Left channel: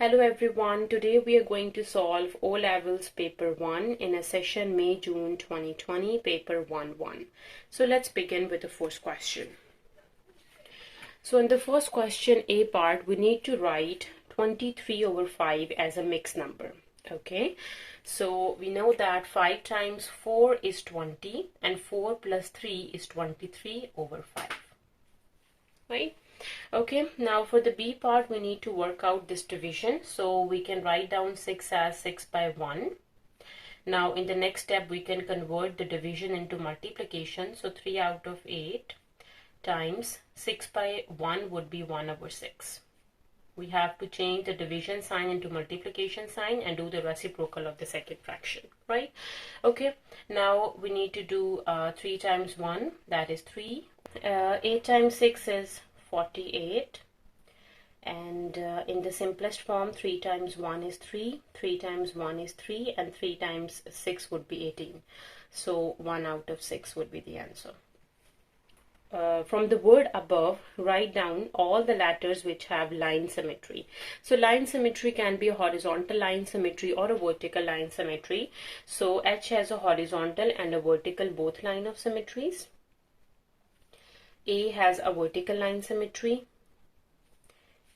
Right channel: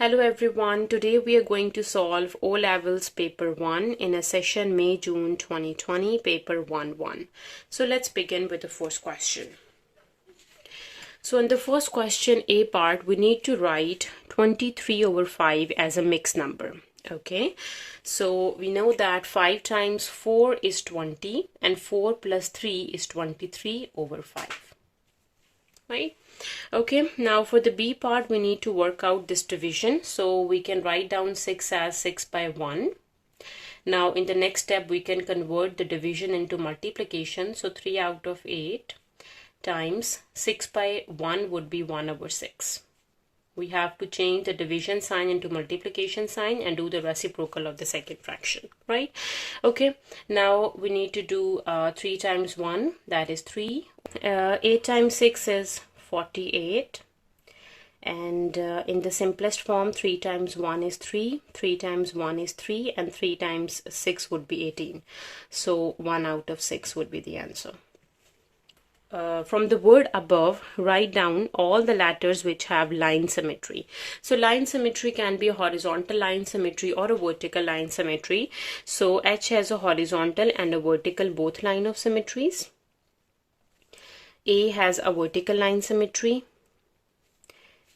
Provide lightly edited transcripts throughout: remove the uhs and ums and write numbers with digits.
Hello everyone, today we are going to solve O-Levels paper 1 in a session May-June 2020, paper 1-1. So let's begin with the first question. So in the first question, A part, we need to write 23/5 as a mixed number. Okay, so we know that 5 times 4 is 20 and 4 plus 3 is 23/5. Right? Okay, now for the B part, we need to work out this division. So we can write down 6 as 6 by 1. Now in the next step, we can convert the division into multiplication. So 3 out of 8 times 6 by 1 would be 1/6. We have to change the division sign into multiplication sign and do the reciprocal of the second fraction, right? Okay, now we need to do 3 times 1, that is 3. 8 times 6 is 48, and in the simplest form 3 times 1 is 3, 3 times 1 is 3, and 3 times 6 would be 18. So 1/6 would be the answer. From the word above, write down all the letters which have line symmetry. So line symmetry can be a horizontal line symmetry or a vertical line symmetry. So H has a horizontal and a vertical both line of symmetries. A has a vertical line symmetry.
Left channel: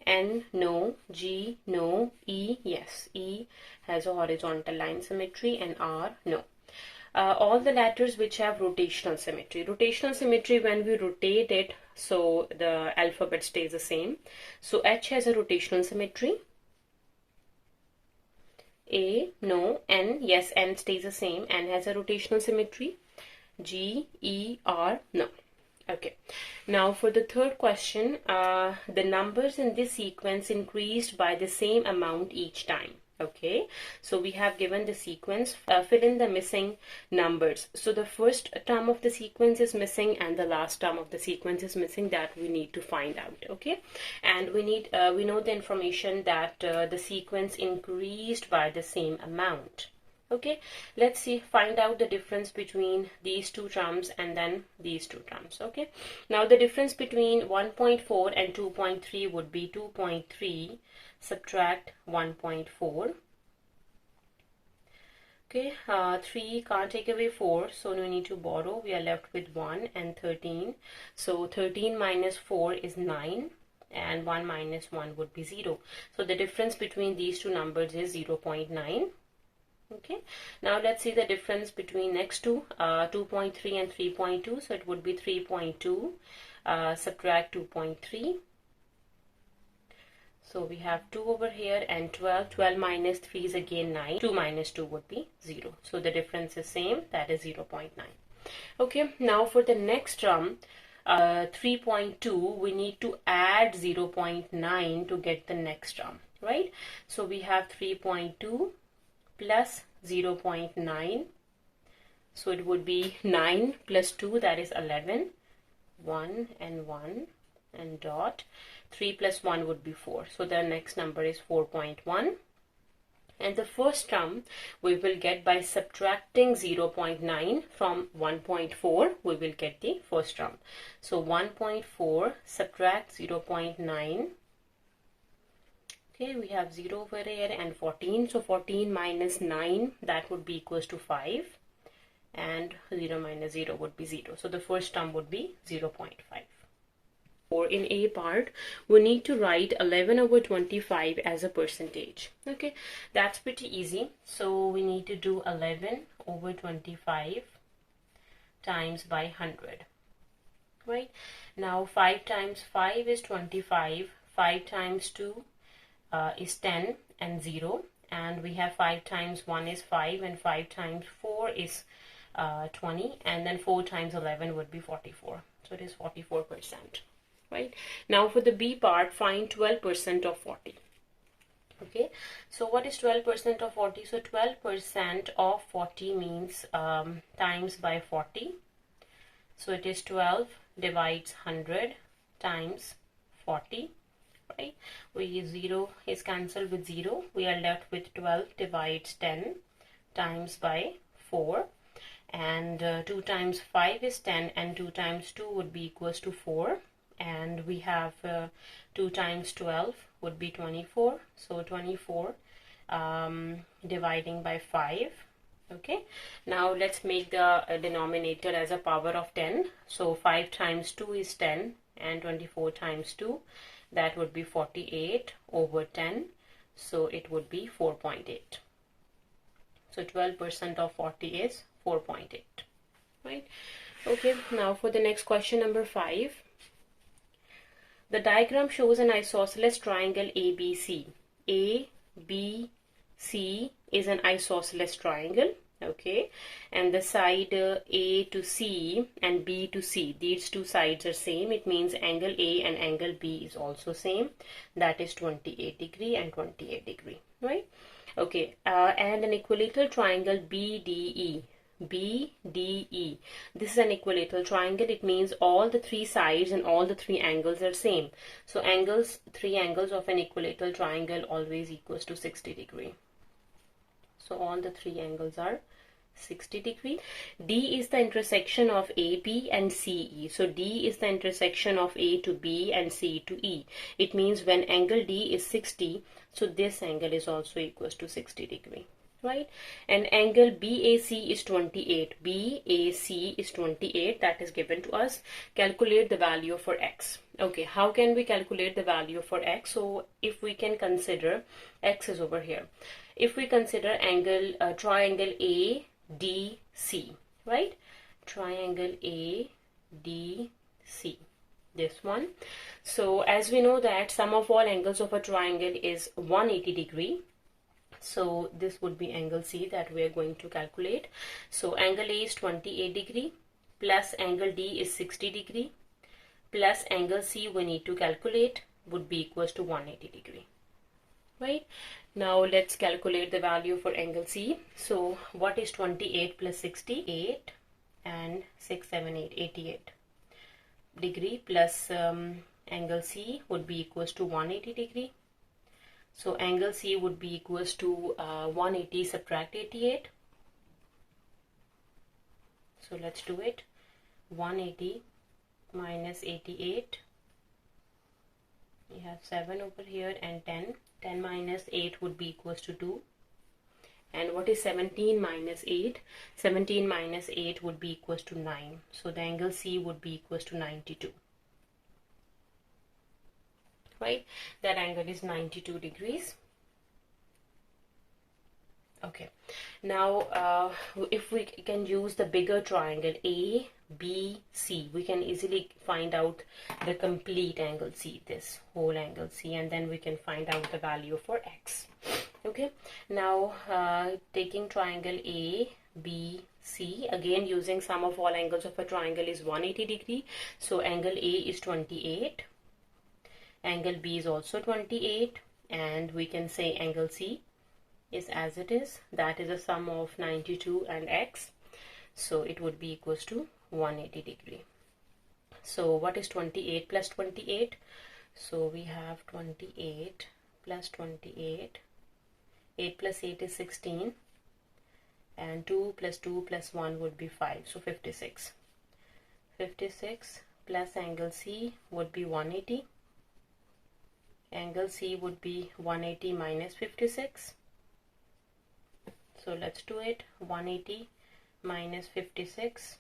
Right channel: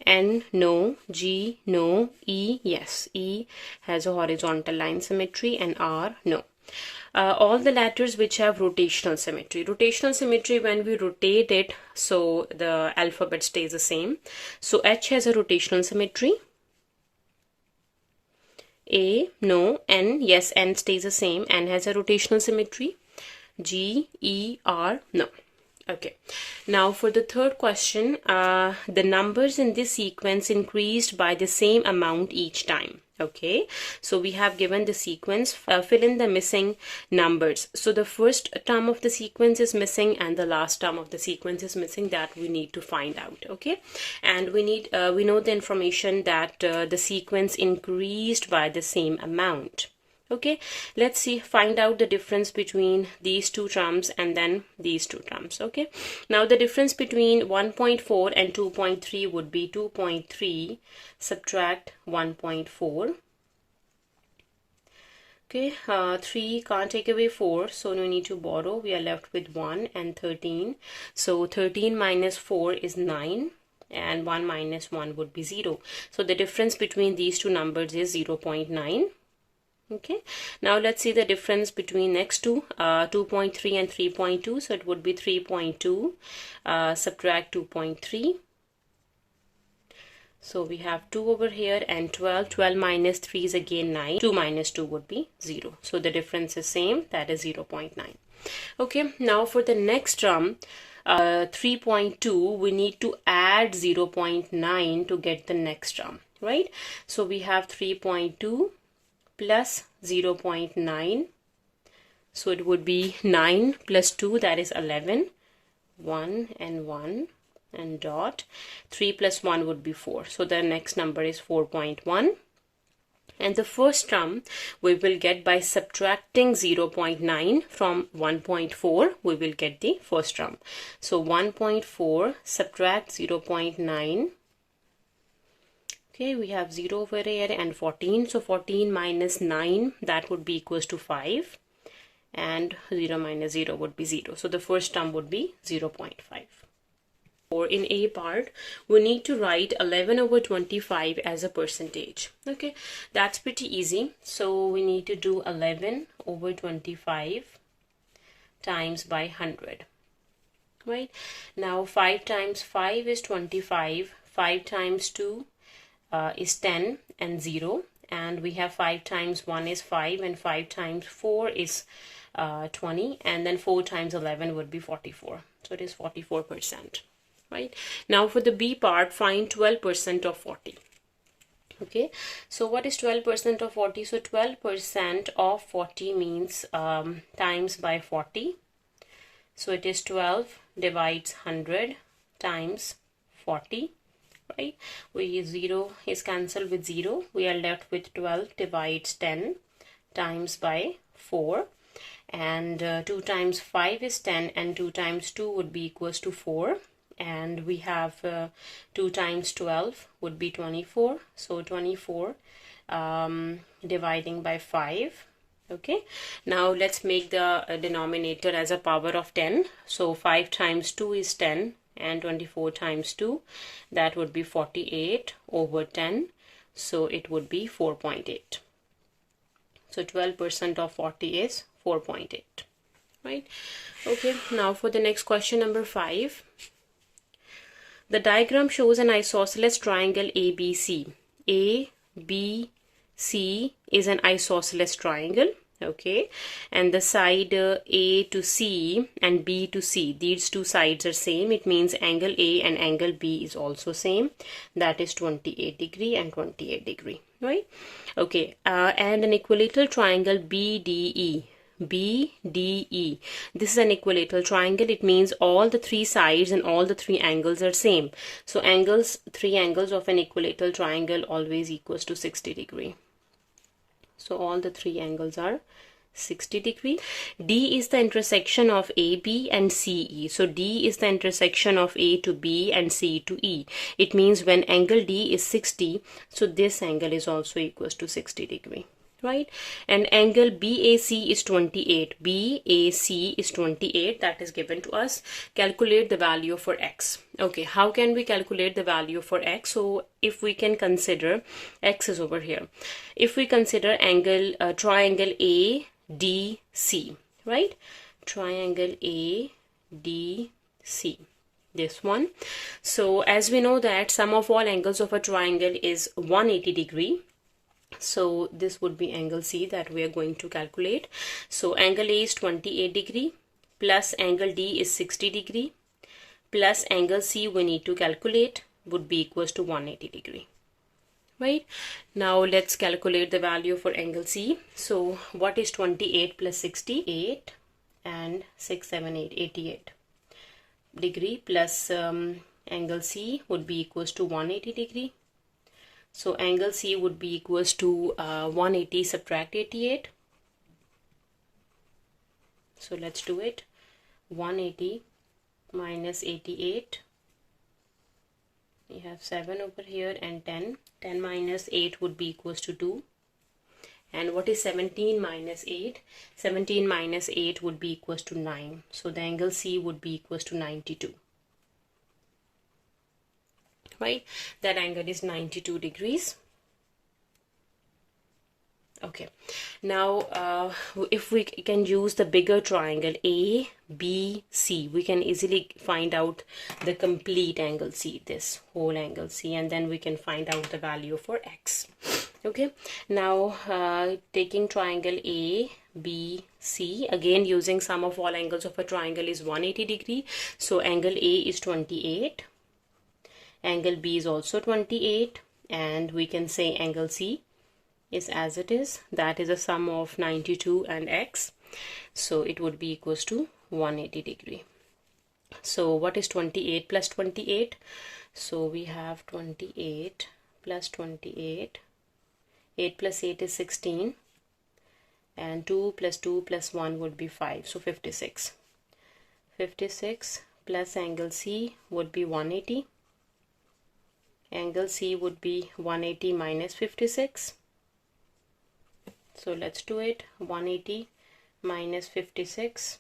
N, no. G, no. E, yes. E has a horizontal line symmetry, and R, no. All the letters which have rotational symmetry. Rotational symmetry, when we rotate it, so the alphabet stays the same. So H has a rotational symmetry. A, no. N, yes, N stays the same. N has a rotational symmetry. G, E, R, no. Okay, now for the third question, the numbers in this sequence increased by the same amount each time. Okay, so we have given the sequence, fill in the missing numbers. So the first term of the sequence is missing and the last term of the sequence is missing. That we need to find out. Okay, and we know the information that the sequence increased by the same amount. Okay, let's find out the difference between these two terms and then these two terms. Okay, now the difference between 1.4 and 2.3 would be 2.3 subtract 1.4. Okay, 3 can't take away 4, so we need to borrow. We are left with 1 and 13. So 13 minus 4 is 9. And 1 minus 1 would be 0. So the difference between these two numbers is 0.9. Okay, now let's see the difference between next two, 2.3 and 3.2. So it would be 3.2 subtract 2.3. So we have 2 over here and 12. 12 minus 3 is again 9. 2 minus 2 would be 0. So the difference is same, that is 0.9. Okay, now for the next term, 3.2, we need to add 0.9 to get the next term, right? So we have 3.2 plus 0.9, so it would be 9 plus 2, that is 11, 1 and 1 and dot, 3 plus 1 would be 4, so the next number is 4.1, and the first term we will get by subtracting 0.9 from 1.4, we will get the first term. So 1.4 subtract 0.9. Okay, we have 0 over here and 14. So 14 minus 9, that would be equals to 5. And 0 minus 0 would be 0. So the first term would be 0.5. Or in A part, we need to write 11/25 as a percentage. Okay, that's pretty easy. So we need to do 11/25 times by 100. Right? Now 5 times 5 is 25. 5 times 2 is 10 and 0, and we have 5 times 1 is 5, and 5 times 4 is 20, and then 4 times 11 would be 44. So it is 44%. Right? Now for the B part, find 12% of 40. Okay, so what is 12% of 40? So 12% of 40 means times by 40. So it is 12 divides 100 times 40. Right, 0 is cancelled with 0. We are left with 12 divides 10 times by 4, and 2 times 5 is 10, and 2 times 2 would be equals to 4, and we have 2 times 12 would be 24. So 24 dividing by 5. Okay, now let's make the denominator as a power of 10. So 5 times 2 is 10, and 24 times 2, that would be 48 over 10. So it would be 4.8. So 12% of 40 is 4.8. Right? Okay, now for the next question, number 5. The diagram shows an isosceles triangle ABC. ABC is an isosceles triangle. Okay, and the side A to C and B to C, these two sides are same. It means angle A and angle B is also same. That is 28 degree and 28 degree, right? Okay, and an equilateral triangle BDE. BDE. This is an equilateral triangle. It means all the three sides and all the three angles are same. So three angles of an equilateral triangle always equals to 60 degree. So all the three angles are 60 degree. D is the intersection of AB and CE. So D is the intersection of A to B and C to E. It means when angle D is 60, so this angle is also equals to 60 degree. Right? And angle BAC is 28. BAC is 28. That is given to us. Calculate the value for X. Okay, how can we calculate the value for X? So if we can consider, X is over here. If we consider triangle ADC, right? Triangle ADC. This one. So as we know that sum of all angles of a triangle is 180 degree. So this would be angle C that we are going to calculate. So angle A is 28 degree plus angle D is 60 degree plus angle C we need to calculate would be equals to 180 degree. Right? Now let's calculate the value for angle C. So what is 28 plus 60? 8 and 6, 7, 8, 88 degree plus angle C would be equals to 180 degree. So angle C would be equals to 180 subtract 88. So let's do it. 180 minus 88. We have 7 over here and 10. 10 minus 8 would be equals to 2. And what is 17 minus 8? 17 minus 8 would be equals to 9. So the angle C would be equals to 92. Right? That angle is 92 degrees. Okay. Now, if we can use the bigger triangle ABC, we can easily find out the complete angle C, this whole angle C, and then we can find out the value for X. Okay. Now, taking triangle ABC, again using sum of all angles of a triangle is 180 degree. So angle A is 28. Angle B is also 28, and we can say angle C is as it is. That is a sum of 92 and X. So it would be equals to 180 degree. So what is 28 plus 28? So we have 28 plus 28. 8 plus 8 is 16. And 2 plus 2 plus 1 would be 5. So 56. 56 plus angle C would be 180. Angle C would be 180 minus 56. So let's do it. 180 minus 56.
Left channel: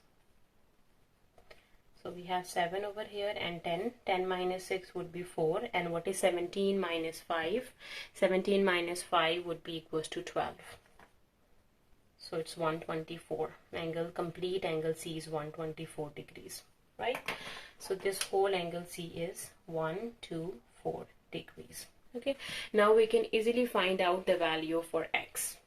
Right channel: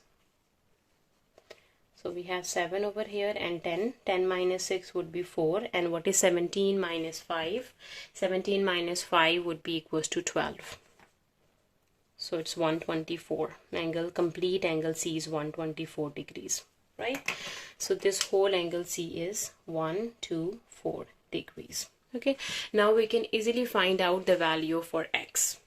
So we have 7 over here and 10. 10 minus 6 would be 4. And what is 17 minus 5? 17 minus 5 would be equals to 12. So it's 124. Complete angle C is 124 degrees. Right? So this whole angle C is 124 degrees. Okay, now we can easily find out the value for X,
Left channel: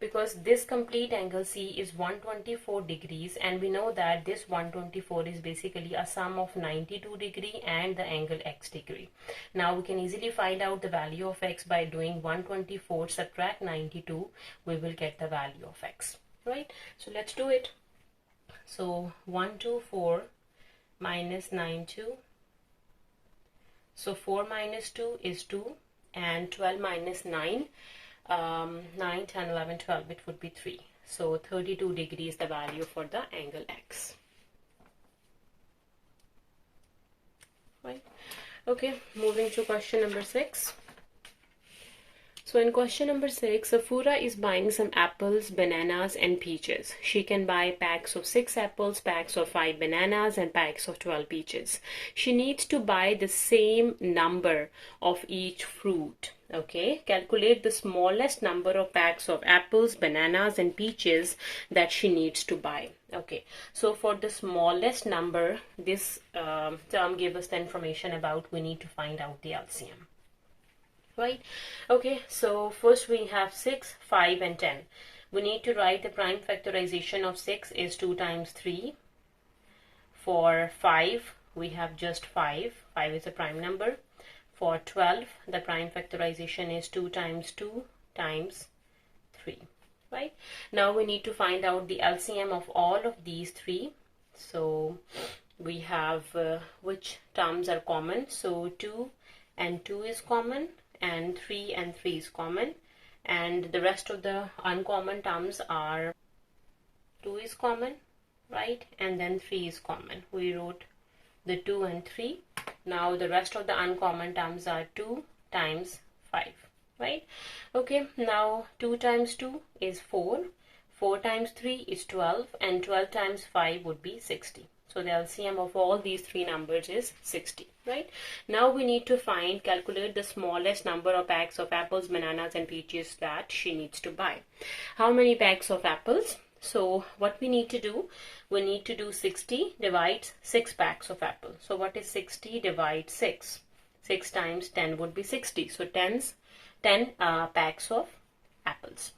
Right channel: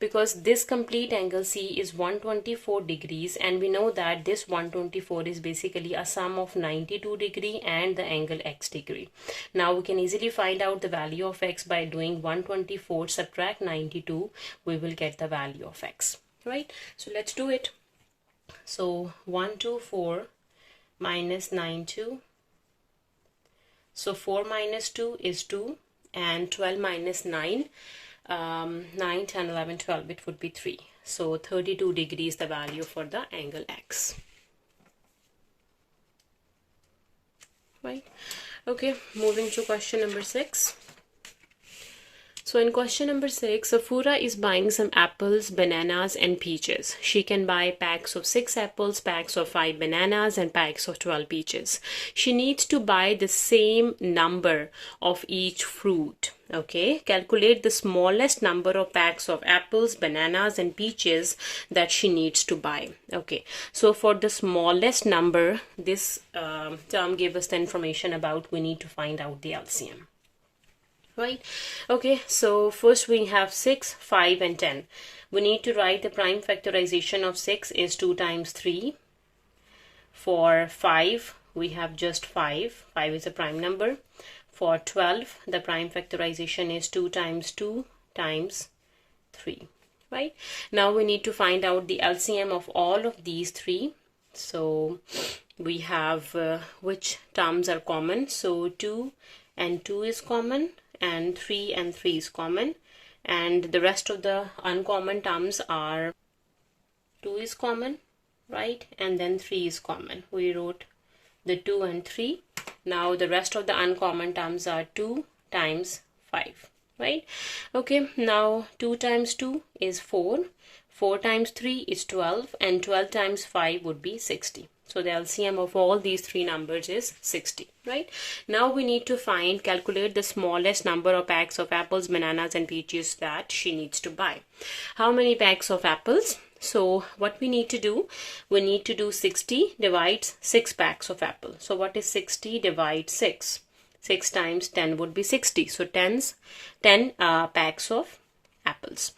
because this complete angle C is 124 degrees, and we know that this 124 is basically a sum of 92 degree and the angle X degree. Now we can easily find out the value of X by doing 124 subtract 92. We will get the value of X. Right? So let's do it. So 124 minus 92. So 4 minus 2 is 2, and 12 minus 9, 9, 10, 11, 12, it would be 3. So 32 degrees the value for the angle X. right? Okay, moving to question number 6. So in question number 6, Safura is buying some apples, bananas and peaches. She can buy packs of 6 apples, packs of 5 bananas and packs of 12 peaches. She needs to buy the same number of each fruit. Okay, calculate the smallest number of packs of apples, bananas and peaches that she needs to buy. Okay, so for the smallest number, this term gave us the information about we need to find out the LCM. Right? Okay, so first we have 6, 5 and 10. We need to write the prime factorization of 6 is 2 times 3. For 5, we have just 5. 5 is a prime number. For 12, the prime factorization is 2 times 2 times 3. Right? Now we need to find out the LCM of all of these 3. So we have which terms are common. So 2 and 2 is common, and 3 and 3 is common, and the rest of the uncommon terms are 2 is common, right, and then 3 is common. We wrote the 2 and 3. Now the rest of the uncommon terms are 2 times 5, right? Okay, now 2 times 2 is 4, 4 times 3 is 12, and 12 times 5 would be 60. So the LCM of all these 3 numbers is 60, right? Now we need to calculate the smallest number of packs of apples, bananas and peaches that she needs to buy. How many packs of apples? So what we need to do, we need to do 60 divides 6 packs of apple. So what is 60 divides 6? 6 times 10 would be 60. So 10 packs of apples.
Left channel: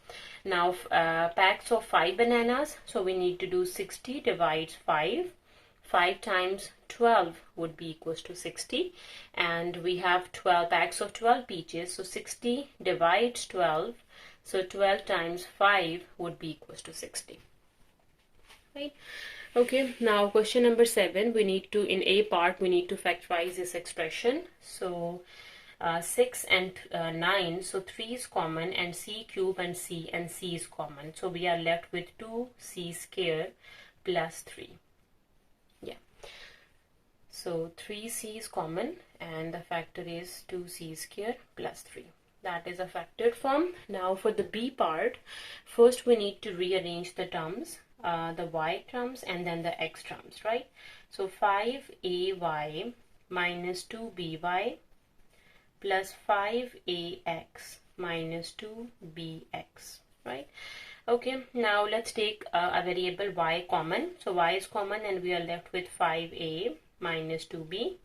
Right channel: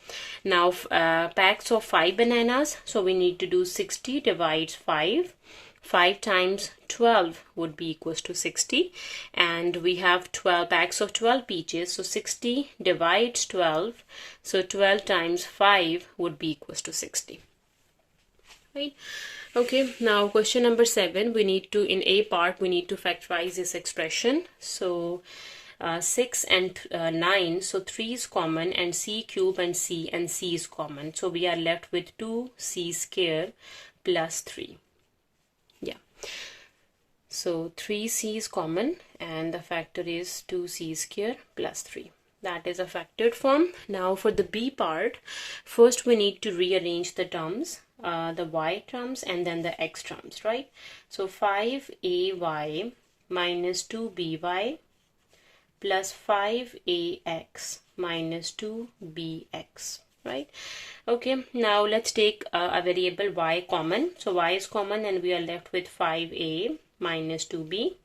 Now packs of 5 bananas. So we need to do 60 divides 5. 5 times 12 would be equals to 60, and we have 12 packs of 12 peaches, so 60 divides 12, so 12 times 5 would be equals to 60, right? Okay, now question number 7, we need to, in A part, we need to factorize this expression. So 6 and 9, so 3 is common, and c cube and c is common, so we are left with 2c square plus 3. Yeah, so 3c is common and the factor is 2c square plus 3. That is a factored form. Now for the B part, first we need to rearrange the terms, the y terms and then the x terms, right? So 5ay minus 2by plus 5ax minus 2bx, right? Okay, now let's take a variable y common. So y is common and we are left with 5a minus 2b.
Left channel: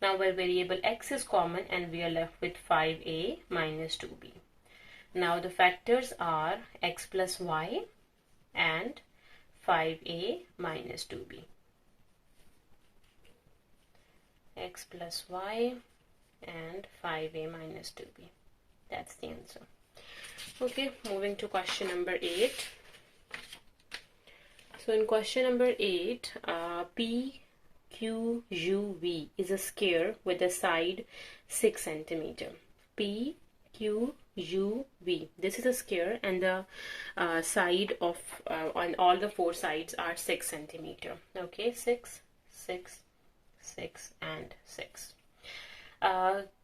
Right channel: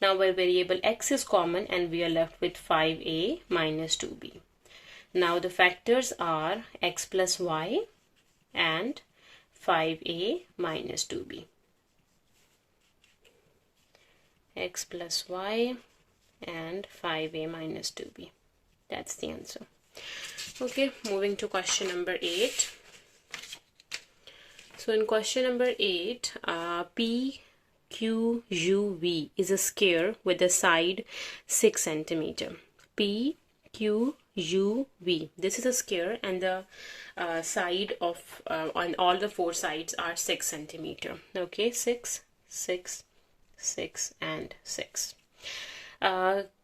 Now our variable x is common and we are left with 5a minus 2b. Now the factors are x plus y and 5a minus 2b. X plus y and 5a minus 2b. That's the answer. Okay, moving to question number 8. So in question number 8, PQUV is a square with a side 6 centimeter. PQUV. This is a square and the side of on all the 4 sides are 6 centimeter. Okay, 6, 6, 6 and 6.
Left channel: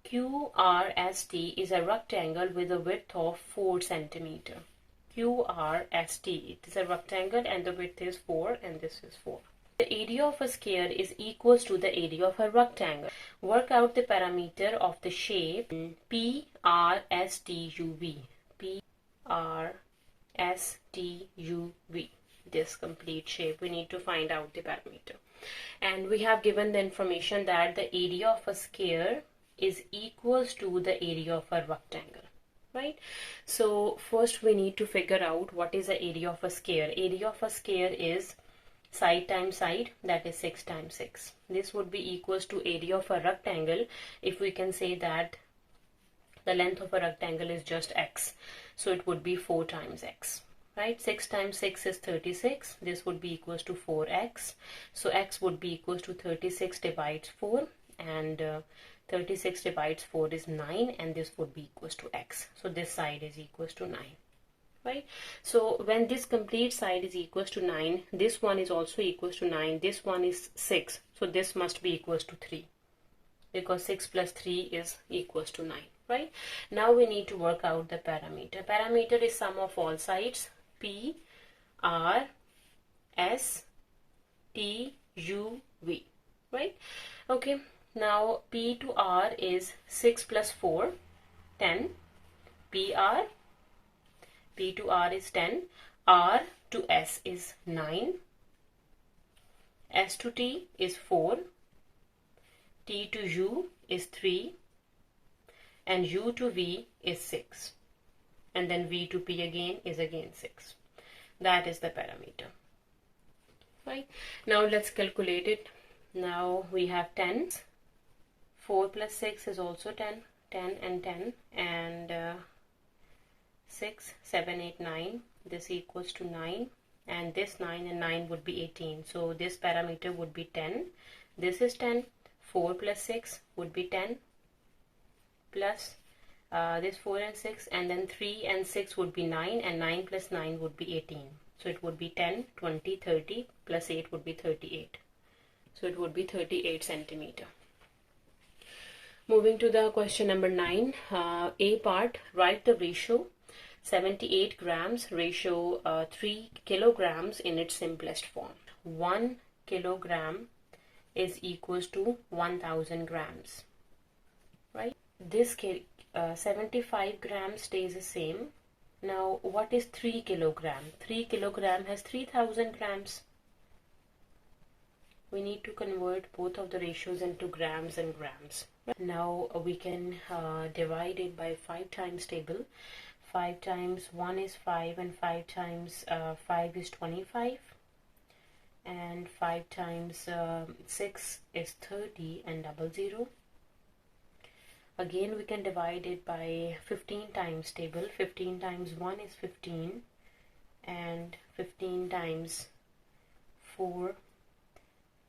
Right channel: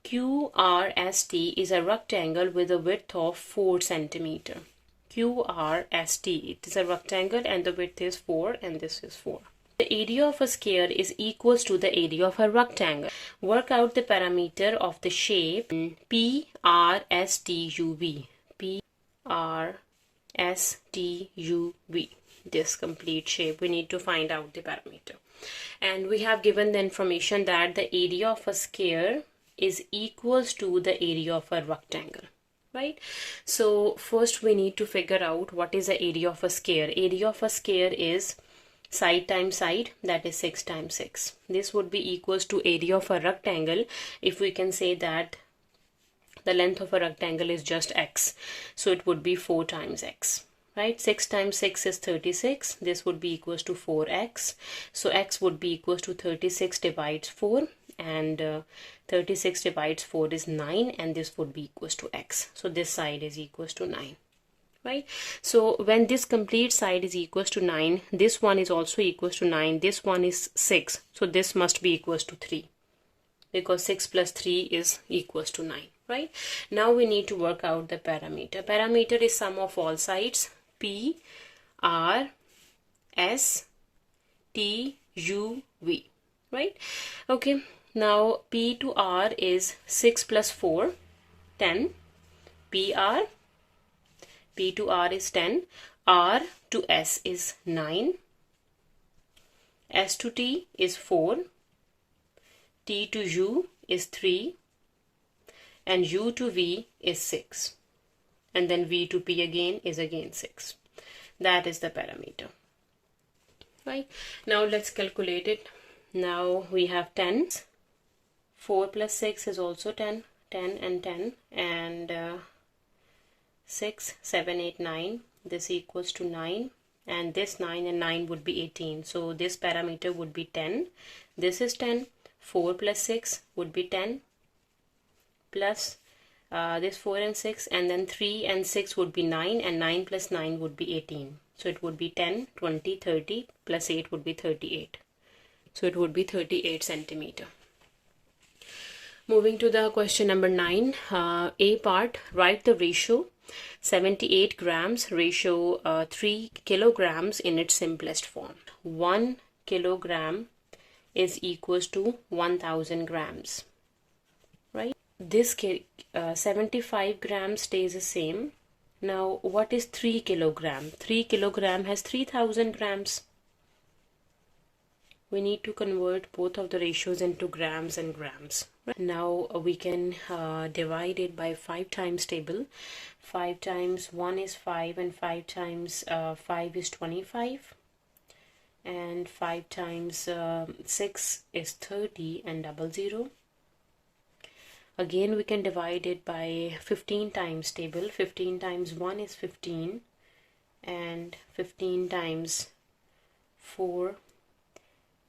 QRST is a rectangle with a width of 4 centimeter. QRST, it is a rectangle and the width is 4 and this is 4. The area of a square is equals to the area of a rectangle. Work out the parameter of the shape PRSTUV. PRSTUV. This complete shape, we need to find out the parameter. And we have given the information that the area of a square is equals to the area of a rectangle, right? So first we need to figure out what is the area of a square. Area of a square is side times side, that is 6 times 6. This would be equals to area of a rectangle if we can say that the length of a rectangle is just x. So it would be 4 times x. Right, 6 times 6 is 36. This would be equals to 4x. So x would be equals to 36 divides 4 and 36 divides 4 is 9 and this would be equals to x. So this side is equals to 9. right? So when this complete side is equals to 9, this one is also equals to 9, this one is 6, so this must be equals to 3, because 6 plus 3 is equals to 9, right? Now we need to work out the parameter. Parameter is sum of all sides, P, R, S, T, U, V, right? Okay, now P to R is 6 plus 4, 10, PR, P to R is 10, R to S is 9, S to T is 4, T to U is 3, and U to V is 6, and then V to P again is again 6. That is the parameter, right? Now let's calculate it. Now we have 10, 4 plus 6 is also 10, 10 and 10, and 6, 7, 8, 9, this equals to 9, and this 9 and 9 would be 18, so this parameter would be 10, this is 10, 4 plus 6 would be 10, plus this 4 and 6, and then 3 and 6 would be 9, and 9 plus 9 would be 18, so it would be 10, 20, 30, plus 8 would be 38, so it would be 38 centimeter. Moving to the question number 9, A part, write the ratio 78 grams ratio 3 kilograms in its simplest form. 1 kilogram is equals to 1000 grams, right? This 75 grams stays the same. Now what is 3 kilogram? 3 kilogram has 3000 grams. We need to convert both of the ratios into grams and grams. Now we can divide it by 5 times table. 5 times 1 is 5, and 5 times 5 is 25, and 5 times 6 is 30, and 00. Again we can divide it by 15 times table. 15 times 1 is 15, and 15 times 4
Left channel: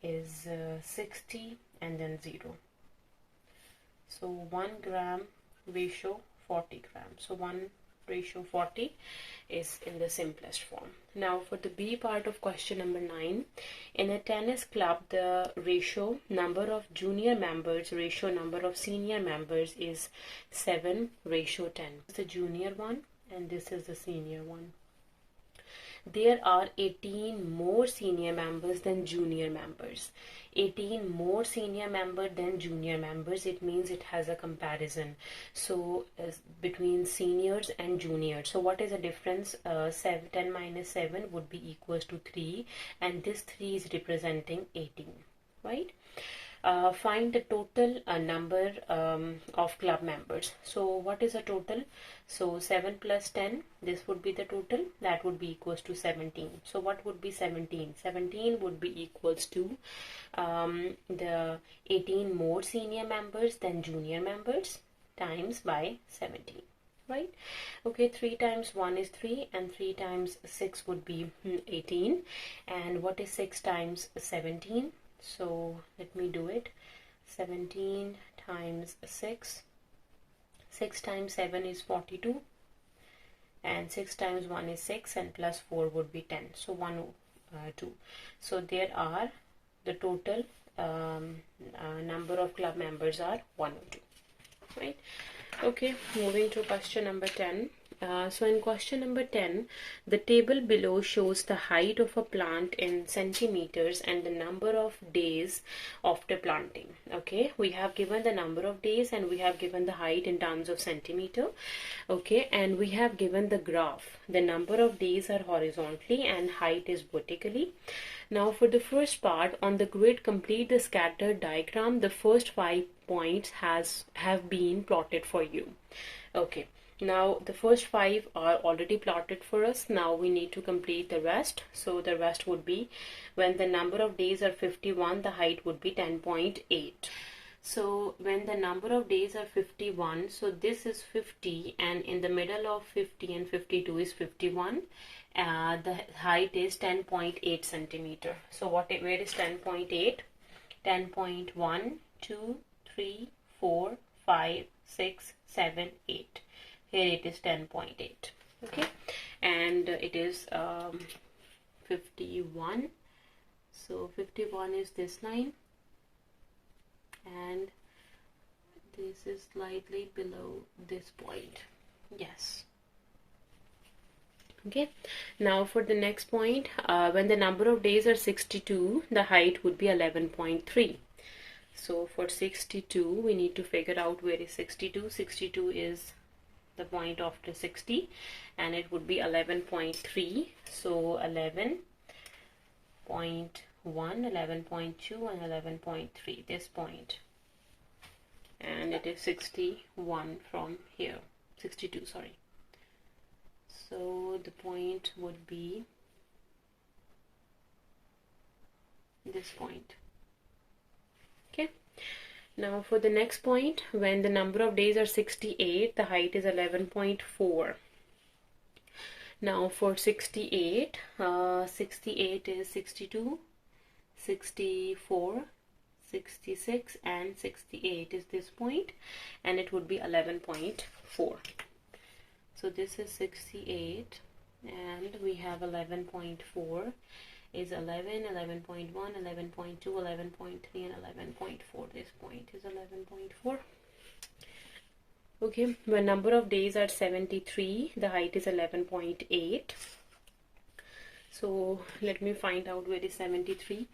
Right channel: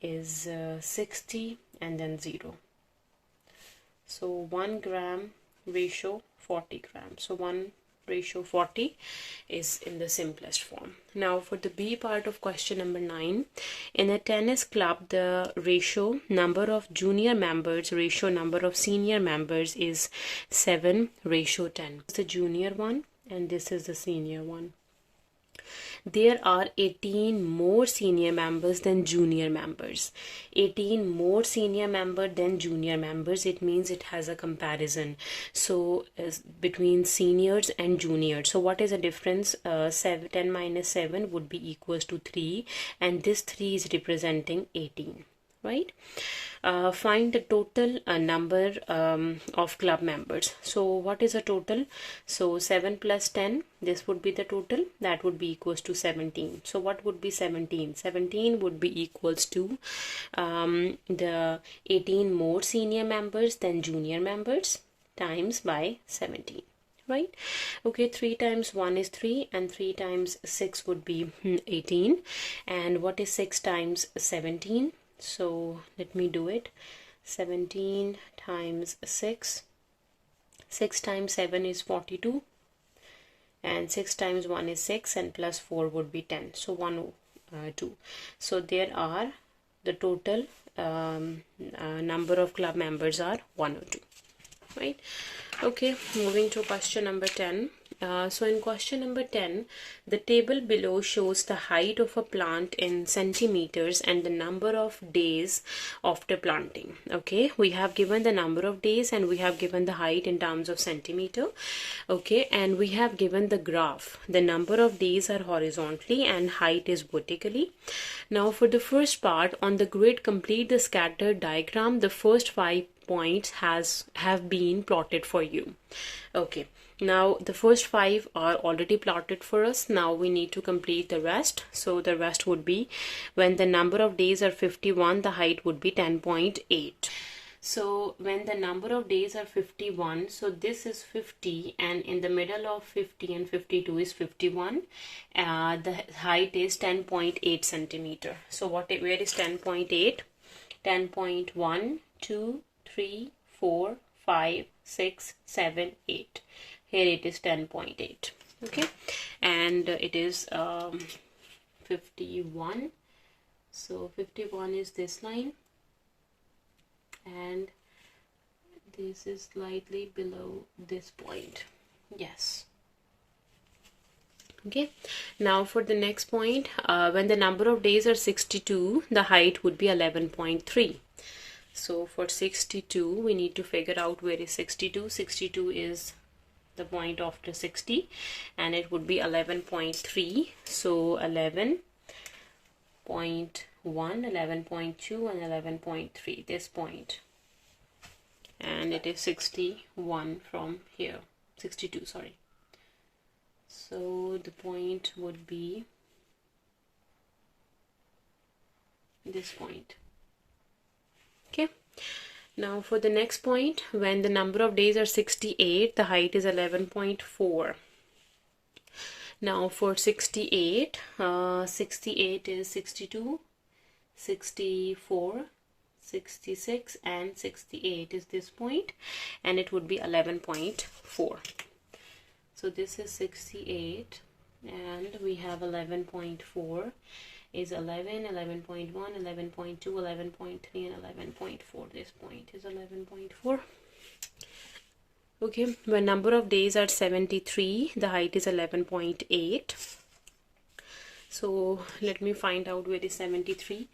is 60, and then 0. So 1 gram ratio 40 grams. So 1 ratio 40 is in the simplest form. Now for the B part of question number 9, in a tennis club the ratio number of junior members ratio number of senior members is 7 ratio 10. This is the junior one and this is the senior one. There are 18 more senior members than junior members. 18 more senior members than junior members, it means it has a comparison. So between seniors and juniors. So what is the difference? 10 minus 7 would be equals to 3, and this 3 is representing 18, right? Find the total number of club members. So what is the total? So 7 plus 10, this would be the total, that would be equals to 17. So what would be 17? 17 would be equals to the 18 more senior members than junior members times by 17, right? Okay, 3 times 1 is 3, and 3 times 6 would be 18, and what is 6 times 17? So let me do it. 17 times 6, 6 times 7 is 42, and 6 times 1 is 6, and plus 4 would be 10. So 102. So there are the total number of club members are 102, right? Okay, moving to question number 10. So in question number 10, the table below shows the height of a plant in centimeters and the number of days after planting. Okay, we have given the number of days and we have given the height in terms of centimeter. Okay, and we have given the graph. The number of days are horizontally and height is vertically. Now for the first part, on the grid complete the scattered diagram. The first 5 points have been plotted for you. Okay. Now the first 5 are already plotted for us. Now we need to complete the rest. So the rest would be when the number of days are 51, the height would be 10.8. So when the number of days are 51, so this is 50, and in the middle of 50 and 52 is 51. The height is 10.8 centimeter. So where is 10.8? 10.1, 2, 3, 4, 5, 6, 7, 8. Here it is 10.8. Okay, and it is 51. So 51 is this line, and this is slightly below this point. Yes. Okay, now for the next point, when the number of days are 62, the height would be 11.3. So for 62, we need to figure out where is 62. 62 is the point after 60, and it would be 11.3. So 11.1, 11.2, and 11.3, this point. And it is 61 from here, 62, sorry. So the point would be this point. Okay, now for the next point, when the number of days are 68, the height is 11.4. Now for 68, 68 is 62, 64, 66, and 68 is this point, and it would be 11.4. So this is 68, and we have 11.4 is 11, 11.1, 11.2, 11.3, and 11.4. This point is 11.4. Okay, when number of days are 73, the height is 11.8. So let me find out where is 73.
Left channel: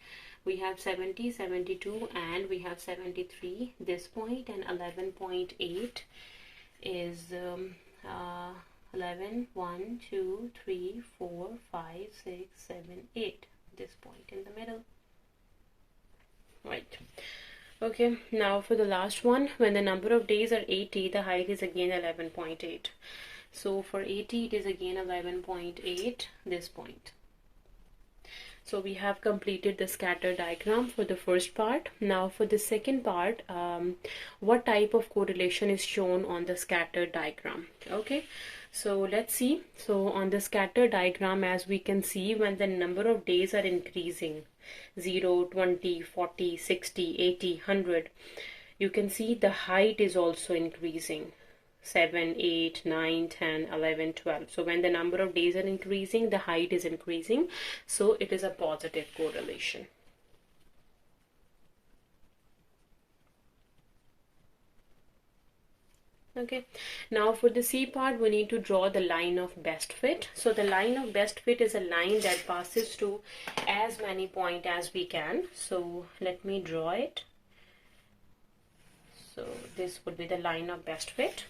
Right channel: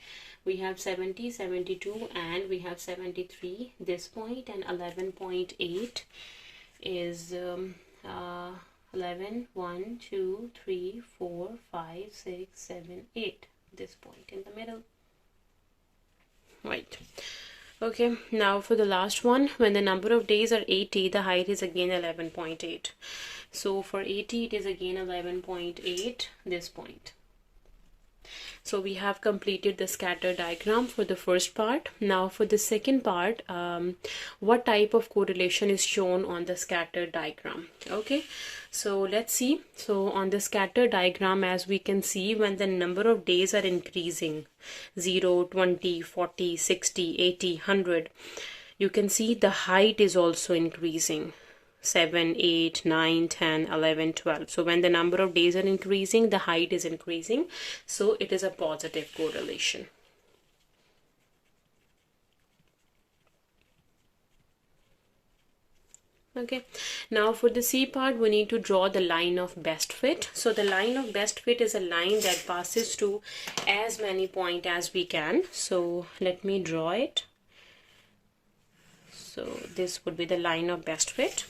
We have 70, 72, and we have 73, this point, and 11.8 is 11, 1, 2, 3, 4, 5, 6, 7, 8, this point in the middle. Right. Okay, now for the last one, when the number of days are 80, the height is again 11.8. So for 80, it is again 11.8, this point. So we have completed the scatter diagram for the first part. Now for the second part, what type of correlation is shown on the scatter diagram? Okay, so let's see. So on the scatter diagram, as we can see, when the number of days are increasing, 0, 20, 40, 60, 80, 100, you can see the height is also increasing. 7, 8, 9, 10, 11, 12. So when the number of days are increasing, the height is increasing. So it is a positive correlation. Okay, now for the C part, we need to draw the line of best fit. So the line of best fit is a line that passes to as many points as we can. So let me draw it. So this would be the line of best fit.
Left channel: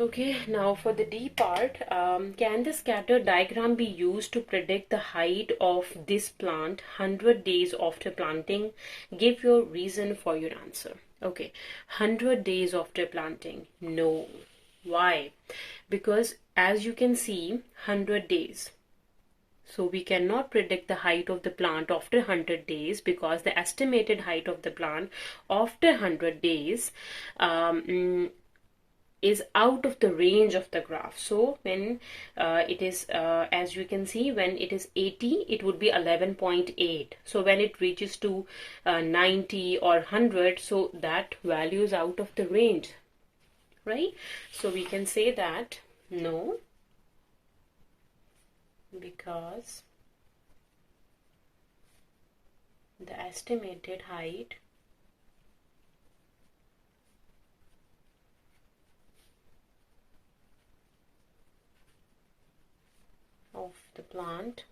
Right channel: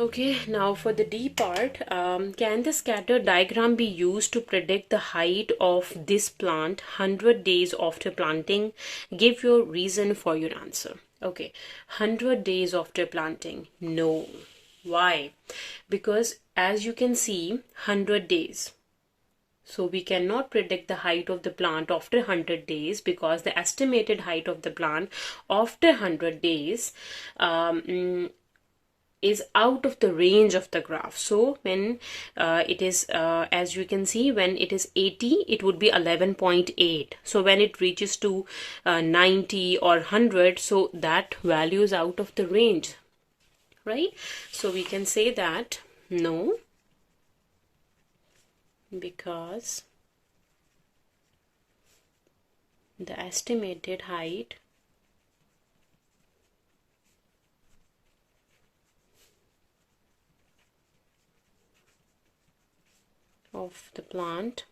Okay, now for the D part, can the scatter diagram be used to predict the height of this plant 100 days after planting? Give your reason for your answer. Okay, 100 days after planting. No. Why? Because as you can see, 100 days. So we cannot predict the height of the plant after 100 days because the estimated height of the plant after 100 days is out of the range of the graph. So when it is as you can see, when it is 80, it would be 11.8. so when it reaches to 90 or 100, so that value is out of the range, right? So we can say that no, because the estimated height of the plant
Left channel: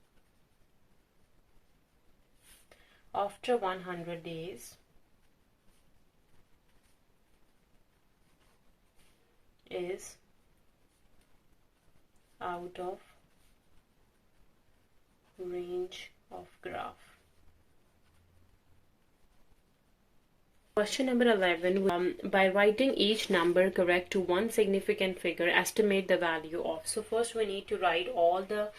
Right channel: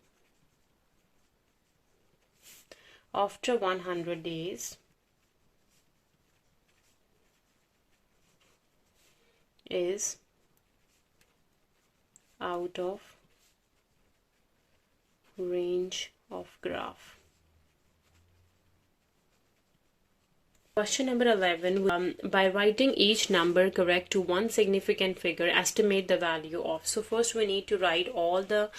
after 100 days is out of range of graph. Question number 11, by writing each number correct to one significant figure, estimate the value of. So first we need to write all the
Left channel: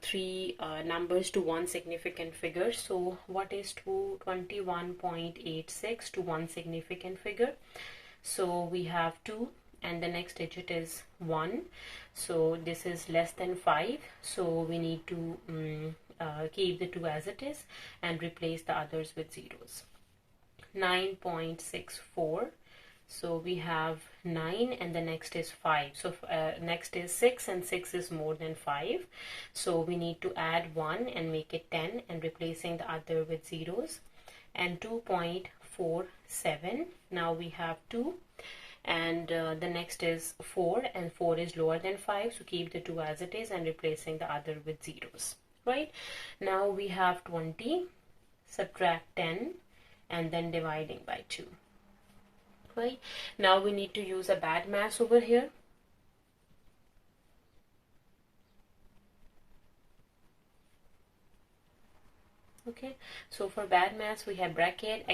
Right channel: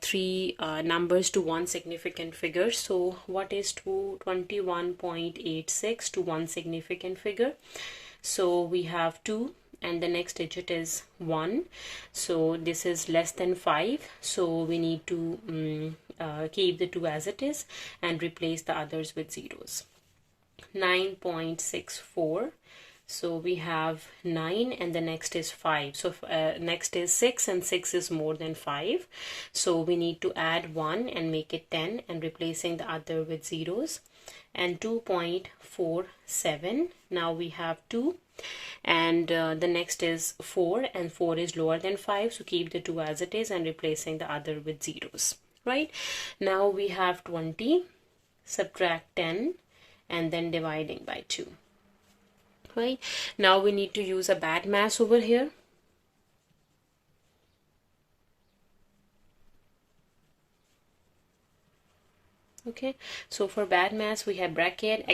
three numbers to one significant figure. So what is 21.86 to one significant figure? So we have 2 and the next digit is 1. So this is less than 5. So we need to keep the 2 as it is and replace the others with zeros. 9.64. So we have 9 and the next is 5. So next is 6 and 6 is more than 5. So we need to add 1 and make it 10 and replacing the other with zeros. And 2.47. Now we have 2 and the next is 4 and 4 is lower than 5. So keep the 2 as it is and replacing the other with zeros. Right? Now we have 20, subtract 10 and then dividing by 2. Right, now we need to use a bad mass over here. Okay, so for bad mass we have bracket,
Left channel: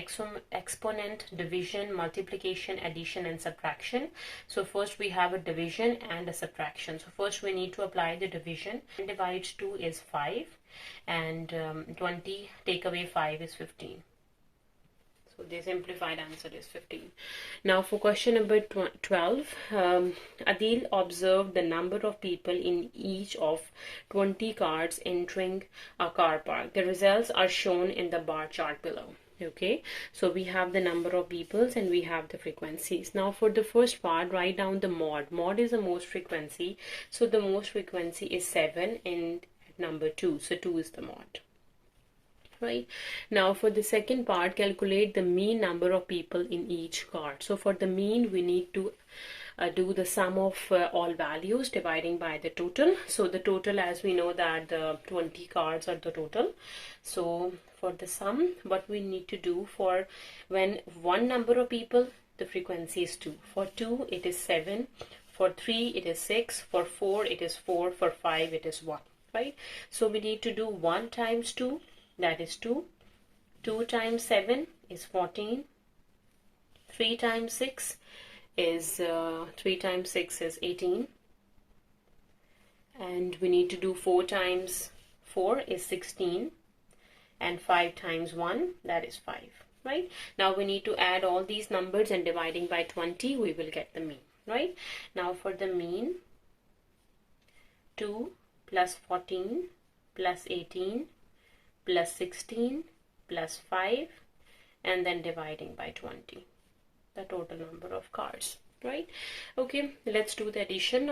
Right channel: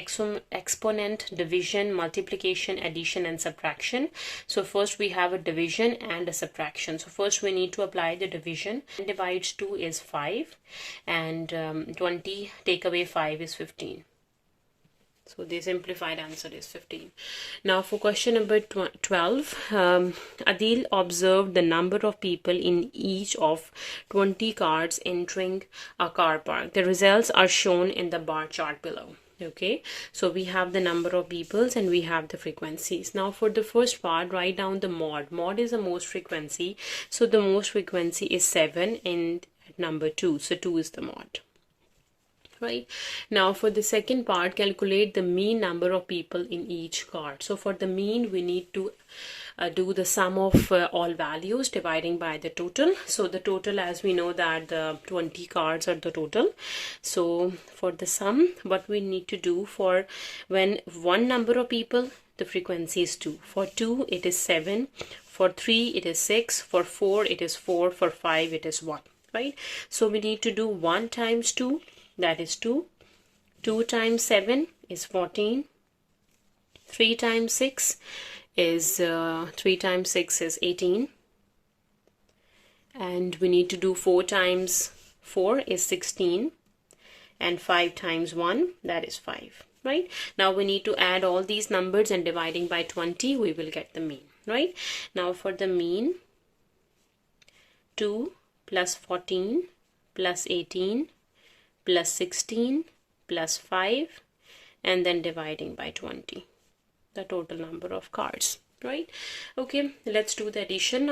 exponent, division, multiplication, addition and subtraction. So first we have a division and a subtraction. So first we need to apply the division. 10 divides 2 is 5 and 20 take away 5 is 15. So the simplified answer is 15. Now for question number 12, Adil observed the number of people in each of 20 cars entering a car park. The results are shown in the bar chart below. Okay, so we have the number of peoples and we have the frequencies. Now for the first part, write down the mod. Mod is the most frequency. So the most frequency is 7 and number 2. So 2 is the mod. Right, now for the second part, calculate the mean number of people in each card. So for the mean we need to do the sum of all values dividing by the total. So the total, as we know that the 20 cards are the total. So for the sum, what we need to do, for when one number of people, the frequency is 2. For 2 it is 7, for 3 it is 6, for 4 it is 4, for 5 it is 1. Right, so we need to do 1 times 2, that is 2. 2 times 7 is 14. 3 times 6 is 18. And we need to do 4 times 4 is 16. And 5 times 1, that is 5. Right? Now we need to add all these numbers and dividing by 20, we will get the mean. Right? Now for the mean, 2 plus 14 plus 18 plus 16 plus 5 and then dividing by 20, the total number of cards. Right? Okay, let's do the addition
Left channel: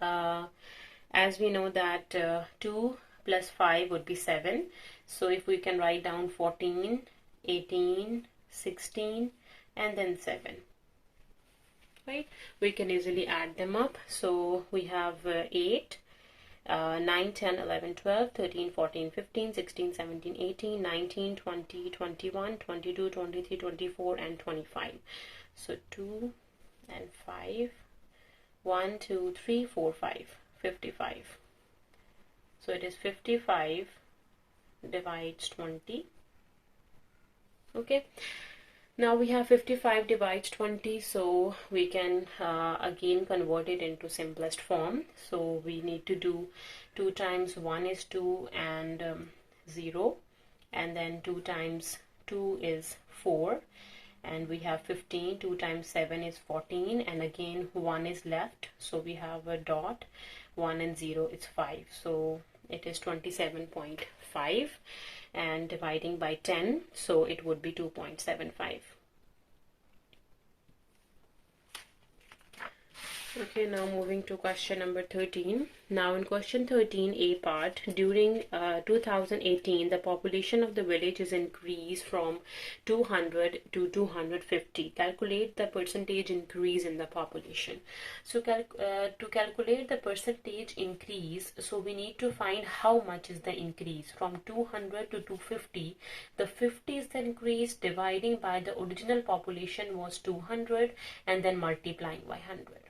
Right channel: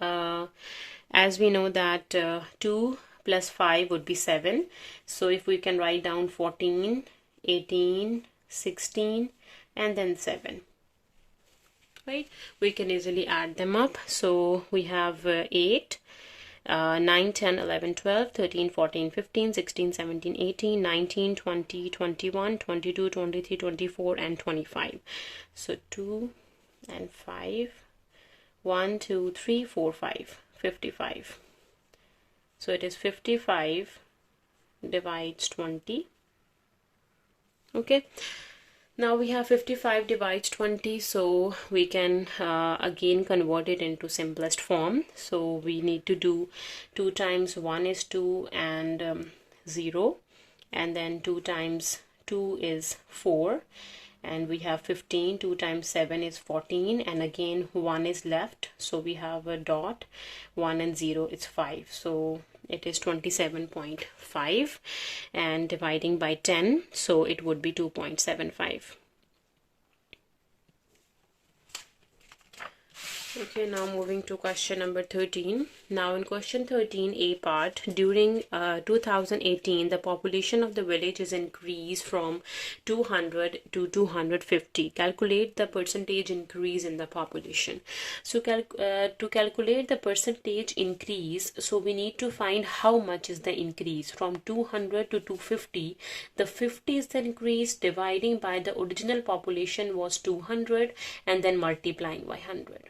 now. As we know that 2 plus 5 would be 7. So if we can write down 14, 18, 16 and then 7. Right? We can easily add them up. So we have 8. 9, 10, 11, 12, 13, 14, 15, 16, 17, 18, 19, 20, 21, 22, 23, 24 and 25. So 2 and 5, 1, 2, 3, 4, 5, 55. So it is 55 divides 20. Okay. Now we have 55 divides 20, so we can again convert it into simplest form. So we need to do 2 times 1 is 2 and 0, and then 2 times 2 is 4, and we have 15. 2 times 7 is 14, and again 1 is left, so we have a dot. 1 and 0 is 5, so it is 27.5 and dividing by 10, so it would be 2.75. Okay, now moving to question number 13. Now in question 13, A part, during 2018, the population of the village is increased from 200 to 250. Calculate the percentage increase in the population. So to calculate the percentage increase, so we need to find how much is the increase from 200 to 250. The 50 is the increase, dividing by the original population was 200 and then multiplying by 100.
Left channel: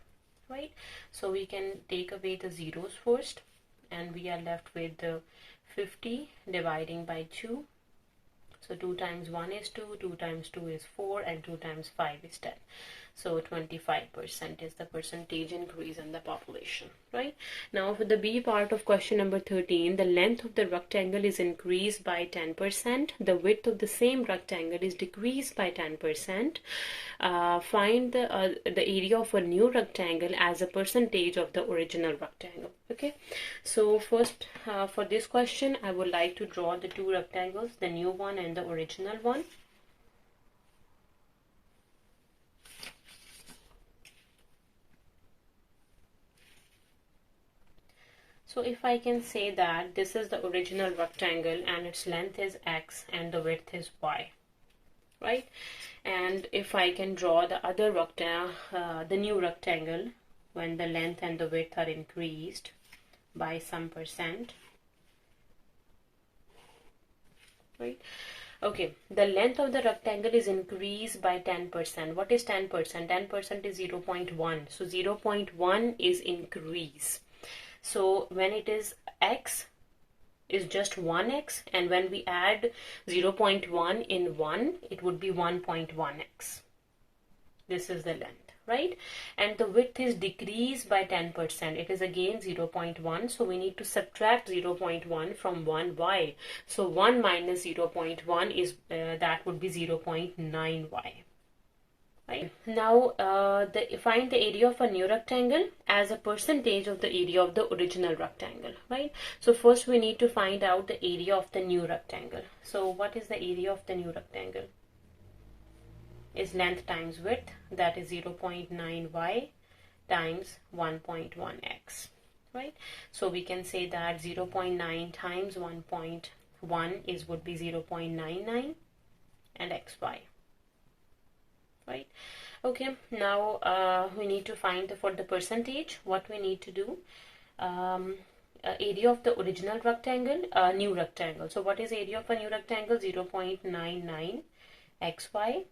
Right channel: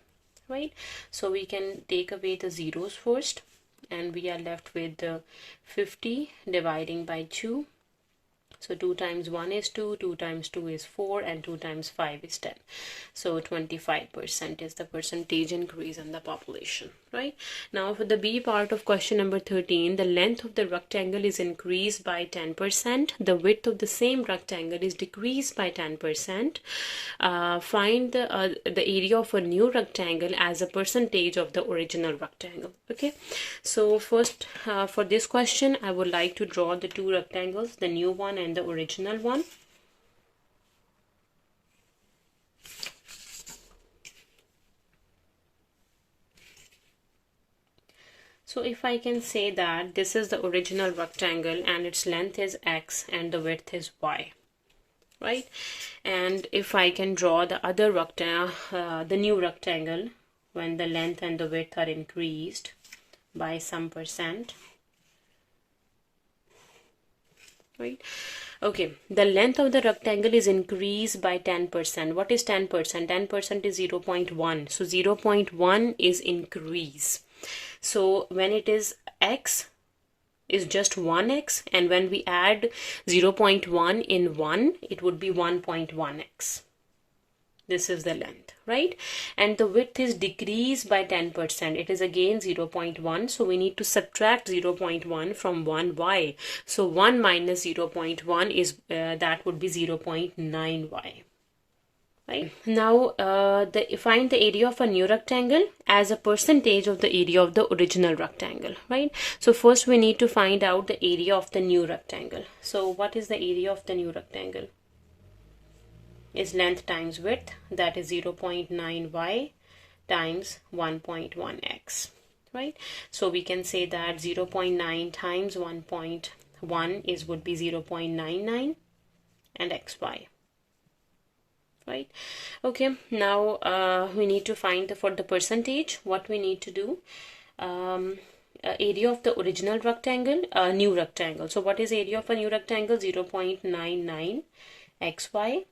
Right, so we can take away the zeros first and we are left with the 50 dividing by 2. So 2 times 1 is 2, 2 times 2 is 4 and 2 times 5 is 10. So 25% is the percentage increase in the population. Right, now for the B part of question number 13, the length of the rectangle is increased by 10%. The width of the same rectangle is decreased by 10%. Find the area of a new rectangle as a percentage of the original rectangle. Okay, so first for this question I would like to draw the two rectangles, the new one and the original one. So if I can say that this is the original rectangle and its length is x and the width is y, right? And if I can draw the other rectangle, the new rectangle, when the length and the width are increased by some percent, right? Okay, the length of the rectangle is increased by 10%. What is 10%? 10% is 0.1. So 0.1 is increase. So when it is x is just 1x, and when we add 0.1 in 1, it would be 1.1x. This is the length, right? And the width is decreased by 10%. It is again 0.1. So we need to subtract 0.1 from 1y. So 1 minus 0.1 is, that would be 0.9y. Right. Now, find the area of a new rectangle as a percentage of the area of the original rectangle, right? So first we need to find out the area of the new rectangle. So what is the area of the new rectangle? Is length times width, that is 0.9y times 1.1x, right? So we can say that 0.9 times 1.1 is would be 0.99 and xy. Right. Okay, now we need to find for the percentage. What we need to do, area of the original rectangle, new rectangle. So what is area of a new rectangle? 0.99 xy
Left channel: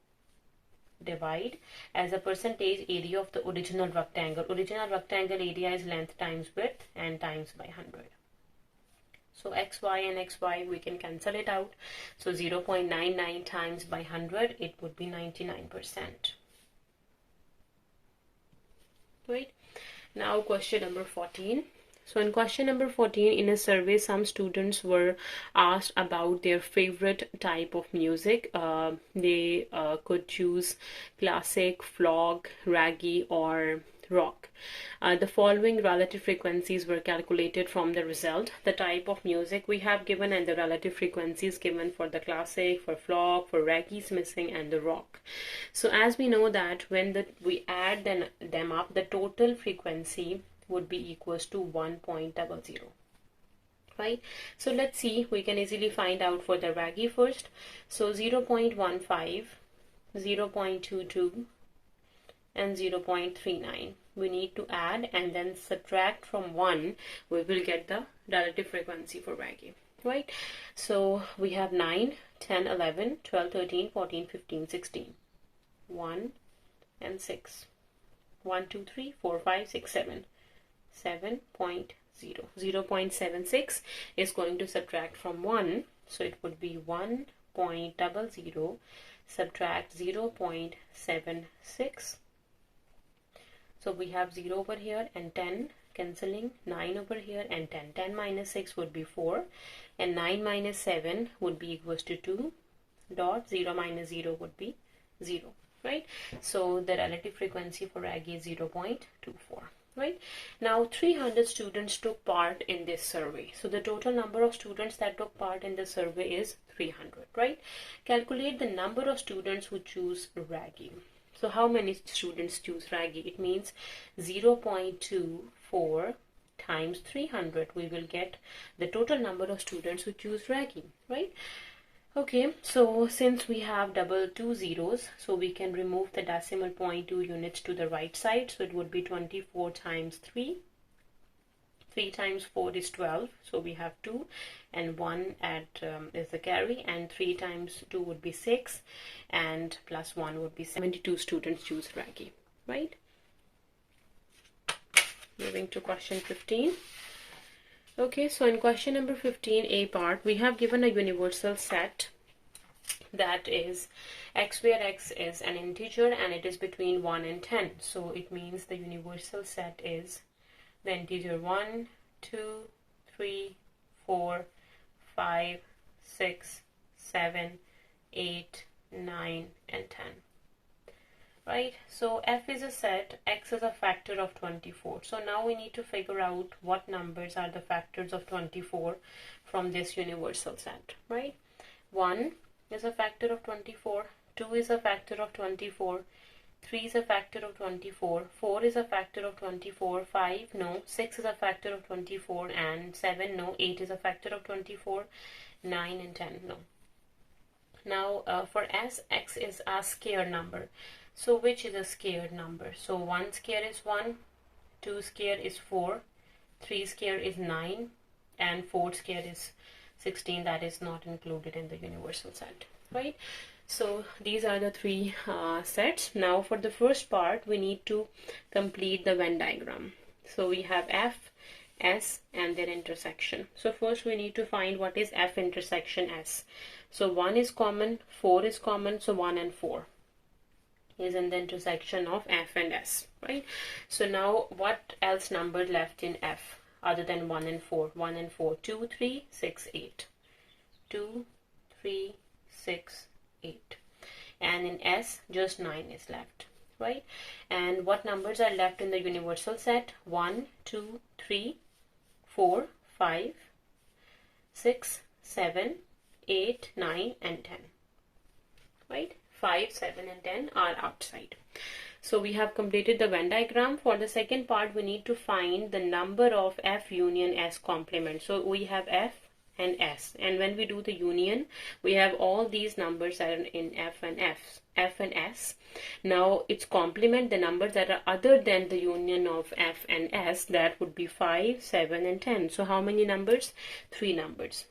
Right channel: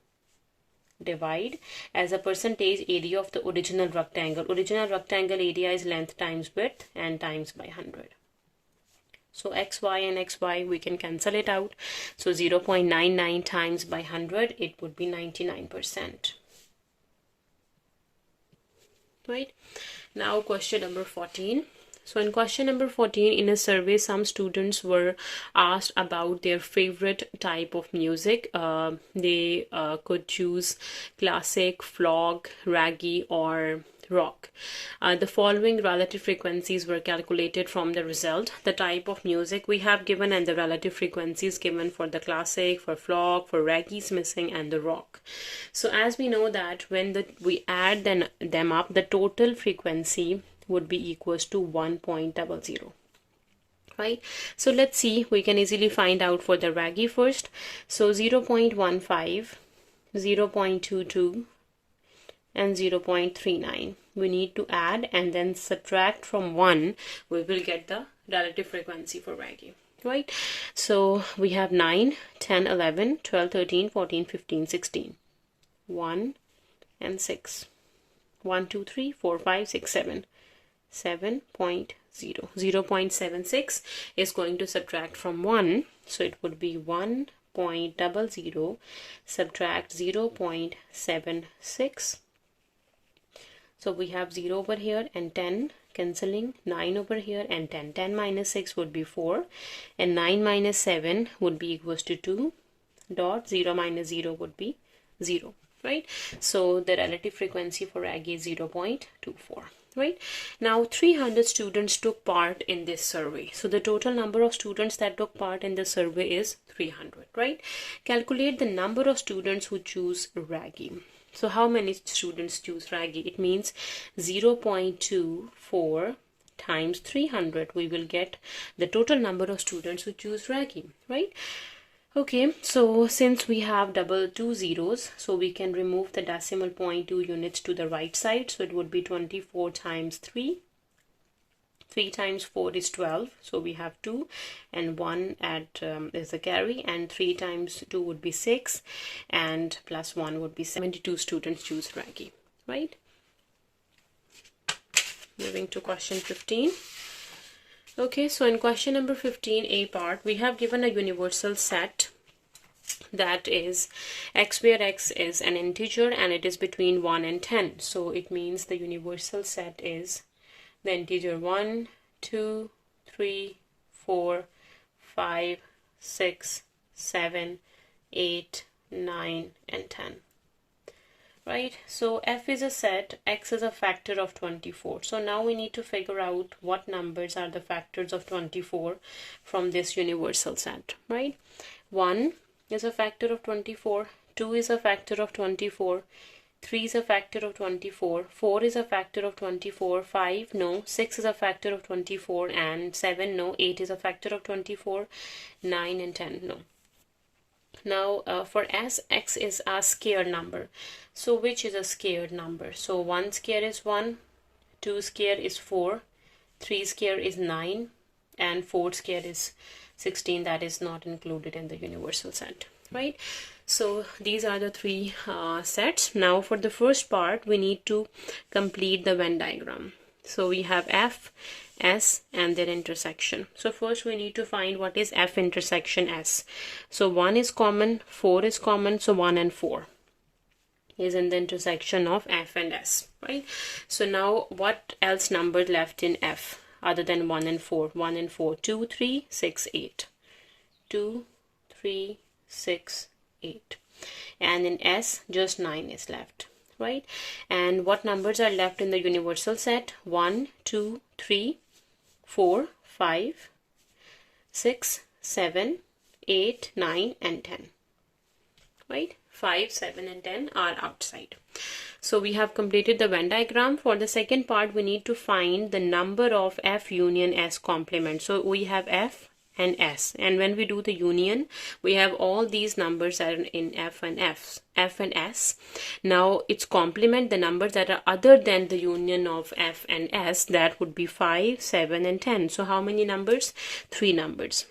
divide as a percentage area of the original rectangle. Original rectangle area is length times width and times by 100. So xy and xy, we can cancel it out. So 0.99 times by 100, it would be 99%. Right? Now question number 14. So in question number 14, in a survey, some students were asked about their favorite type of music. They could choose classic, folk, reggae, or rock. The following relative frequencies were calculated from the result. The type of music we have given and the relative frequencies given for the classic, for folk, for reggae is missing, and the rock. So as we know that when we add them up, the total frequency would be equals to 1.00, right? So let's see, we can easily find out for the reggae first. So 0.15, 0.22 and 0.39 we need to add and then subtract from 1. We will get the relative frequency for reggae, right? So we have 9, 10, 11, 12, 13, 14, 15, 16, 1 and 6, 1, 2, 3, 4, 5, 6, 7, 7.0, 0.76 is going to subtract from 1, so it would be 1.00 subtract 0.76. So we have 0 over here and 10 cancelling, 9 over here and 10. 10 minus 6 would be 4 and 9 minus 7 would be equals to 2 dot 0 minus 0 would be 0, right? So the relative frequency for reggae is 0.24. Right now 300 students took part in this survey. So the total number of students that took part in the survey is 300, right? Calculate the number of students who choose reggae. So how many students choose reggae? It means 0.24 times 300. We will get the total number of students who choose reggae, right? Okay, so since we have double 2 zeros, so we can remove the decimal point 2 units to the right side. So it would be 24 times 3. 3 times 4 is 12. So we have 2 and 1 is the carry, and 3 times 2 would be 6 and plus 1 would be 72 students choose reggae, right? Moving to question 15. Okay, so in question number 15, A part, we have given a universal set that is x, where x is an integer and it is between 1 and 10. So it means the universal set is the integer 1, 2, 3, 4, 5, 6, 7, 8, 9, and 10. Right, so f is a set, x is a factor of 24. So now we need to figure out what numbers are the factors of 24 from this universal set, right? 1 is a factor of 24, 2 is a factor of 24, 3 is a factor of 24, 4 is a factor of 24, 5 no, 6 is a factor of 24, and 7 no, 8 is a factor of 24, 9 and 10 no. Now for s, x is a scared number. So which is a scared number? So 1 square is 1, 2 square is 4, 3 square is 9, and 4 square is 16. That is not included in the universal set, right? So these are the three sets. Now for the first part, we need to complete the Venn diagram. So we have F, S and their intersection. So first we need to find what is F intersection S. So 1 is common, 4 is common, so 1 and 4 is in the intersection of F and S, right? So now what else number left in F other than 1 and 4? 1 and 4, 2, 3, 6, 8. 2, 3, 6, 8. And in S, just 9 is left, right? And what numbers are left in the universal set? 1, 2, 3, 4, 5, 6, 7, 8, 9, and 10, right? 5, 7, and 10 are outside. So we have completed the Venn diagram. For the second part, we need to find the number of F union S complement. So we have F and S, and when we do the union, we have all these numbers that are in F and S. Now its complement, the numbers that are other than the union of F and S, that would be 5, 7, and 10. So how many numbers? 3 numbers.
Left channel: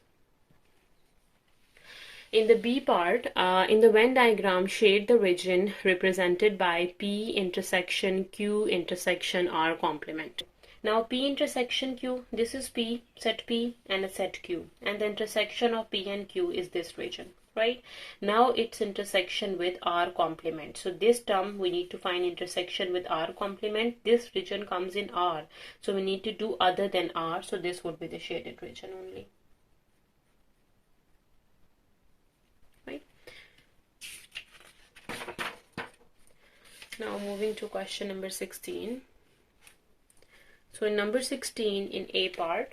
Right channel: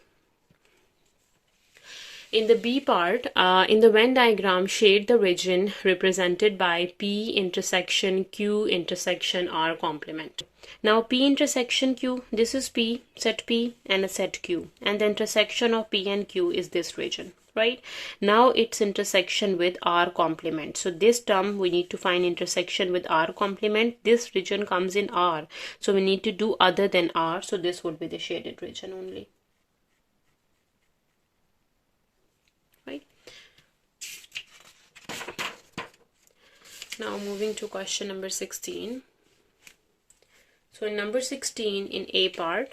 In the B part, in the Venn diagram, shade the region represented by P intersection Q intersection R complement. Now P intersection Q, this is P, set P and a set Q, and the intersection of P and Q is this region, right? Now its intersection with R complement. So this term, we need to find intersection with R complement. This region comes in R, so we need to do other than R, so this would be the shaded region only. Now moving to question number 16. So in number 16, in A part,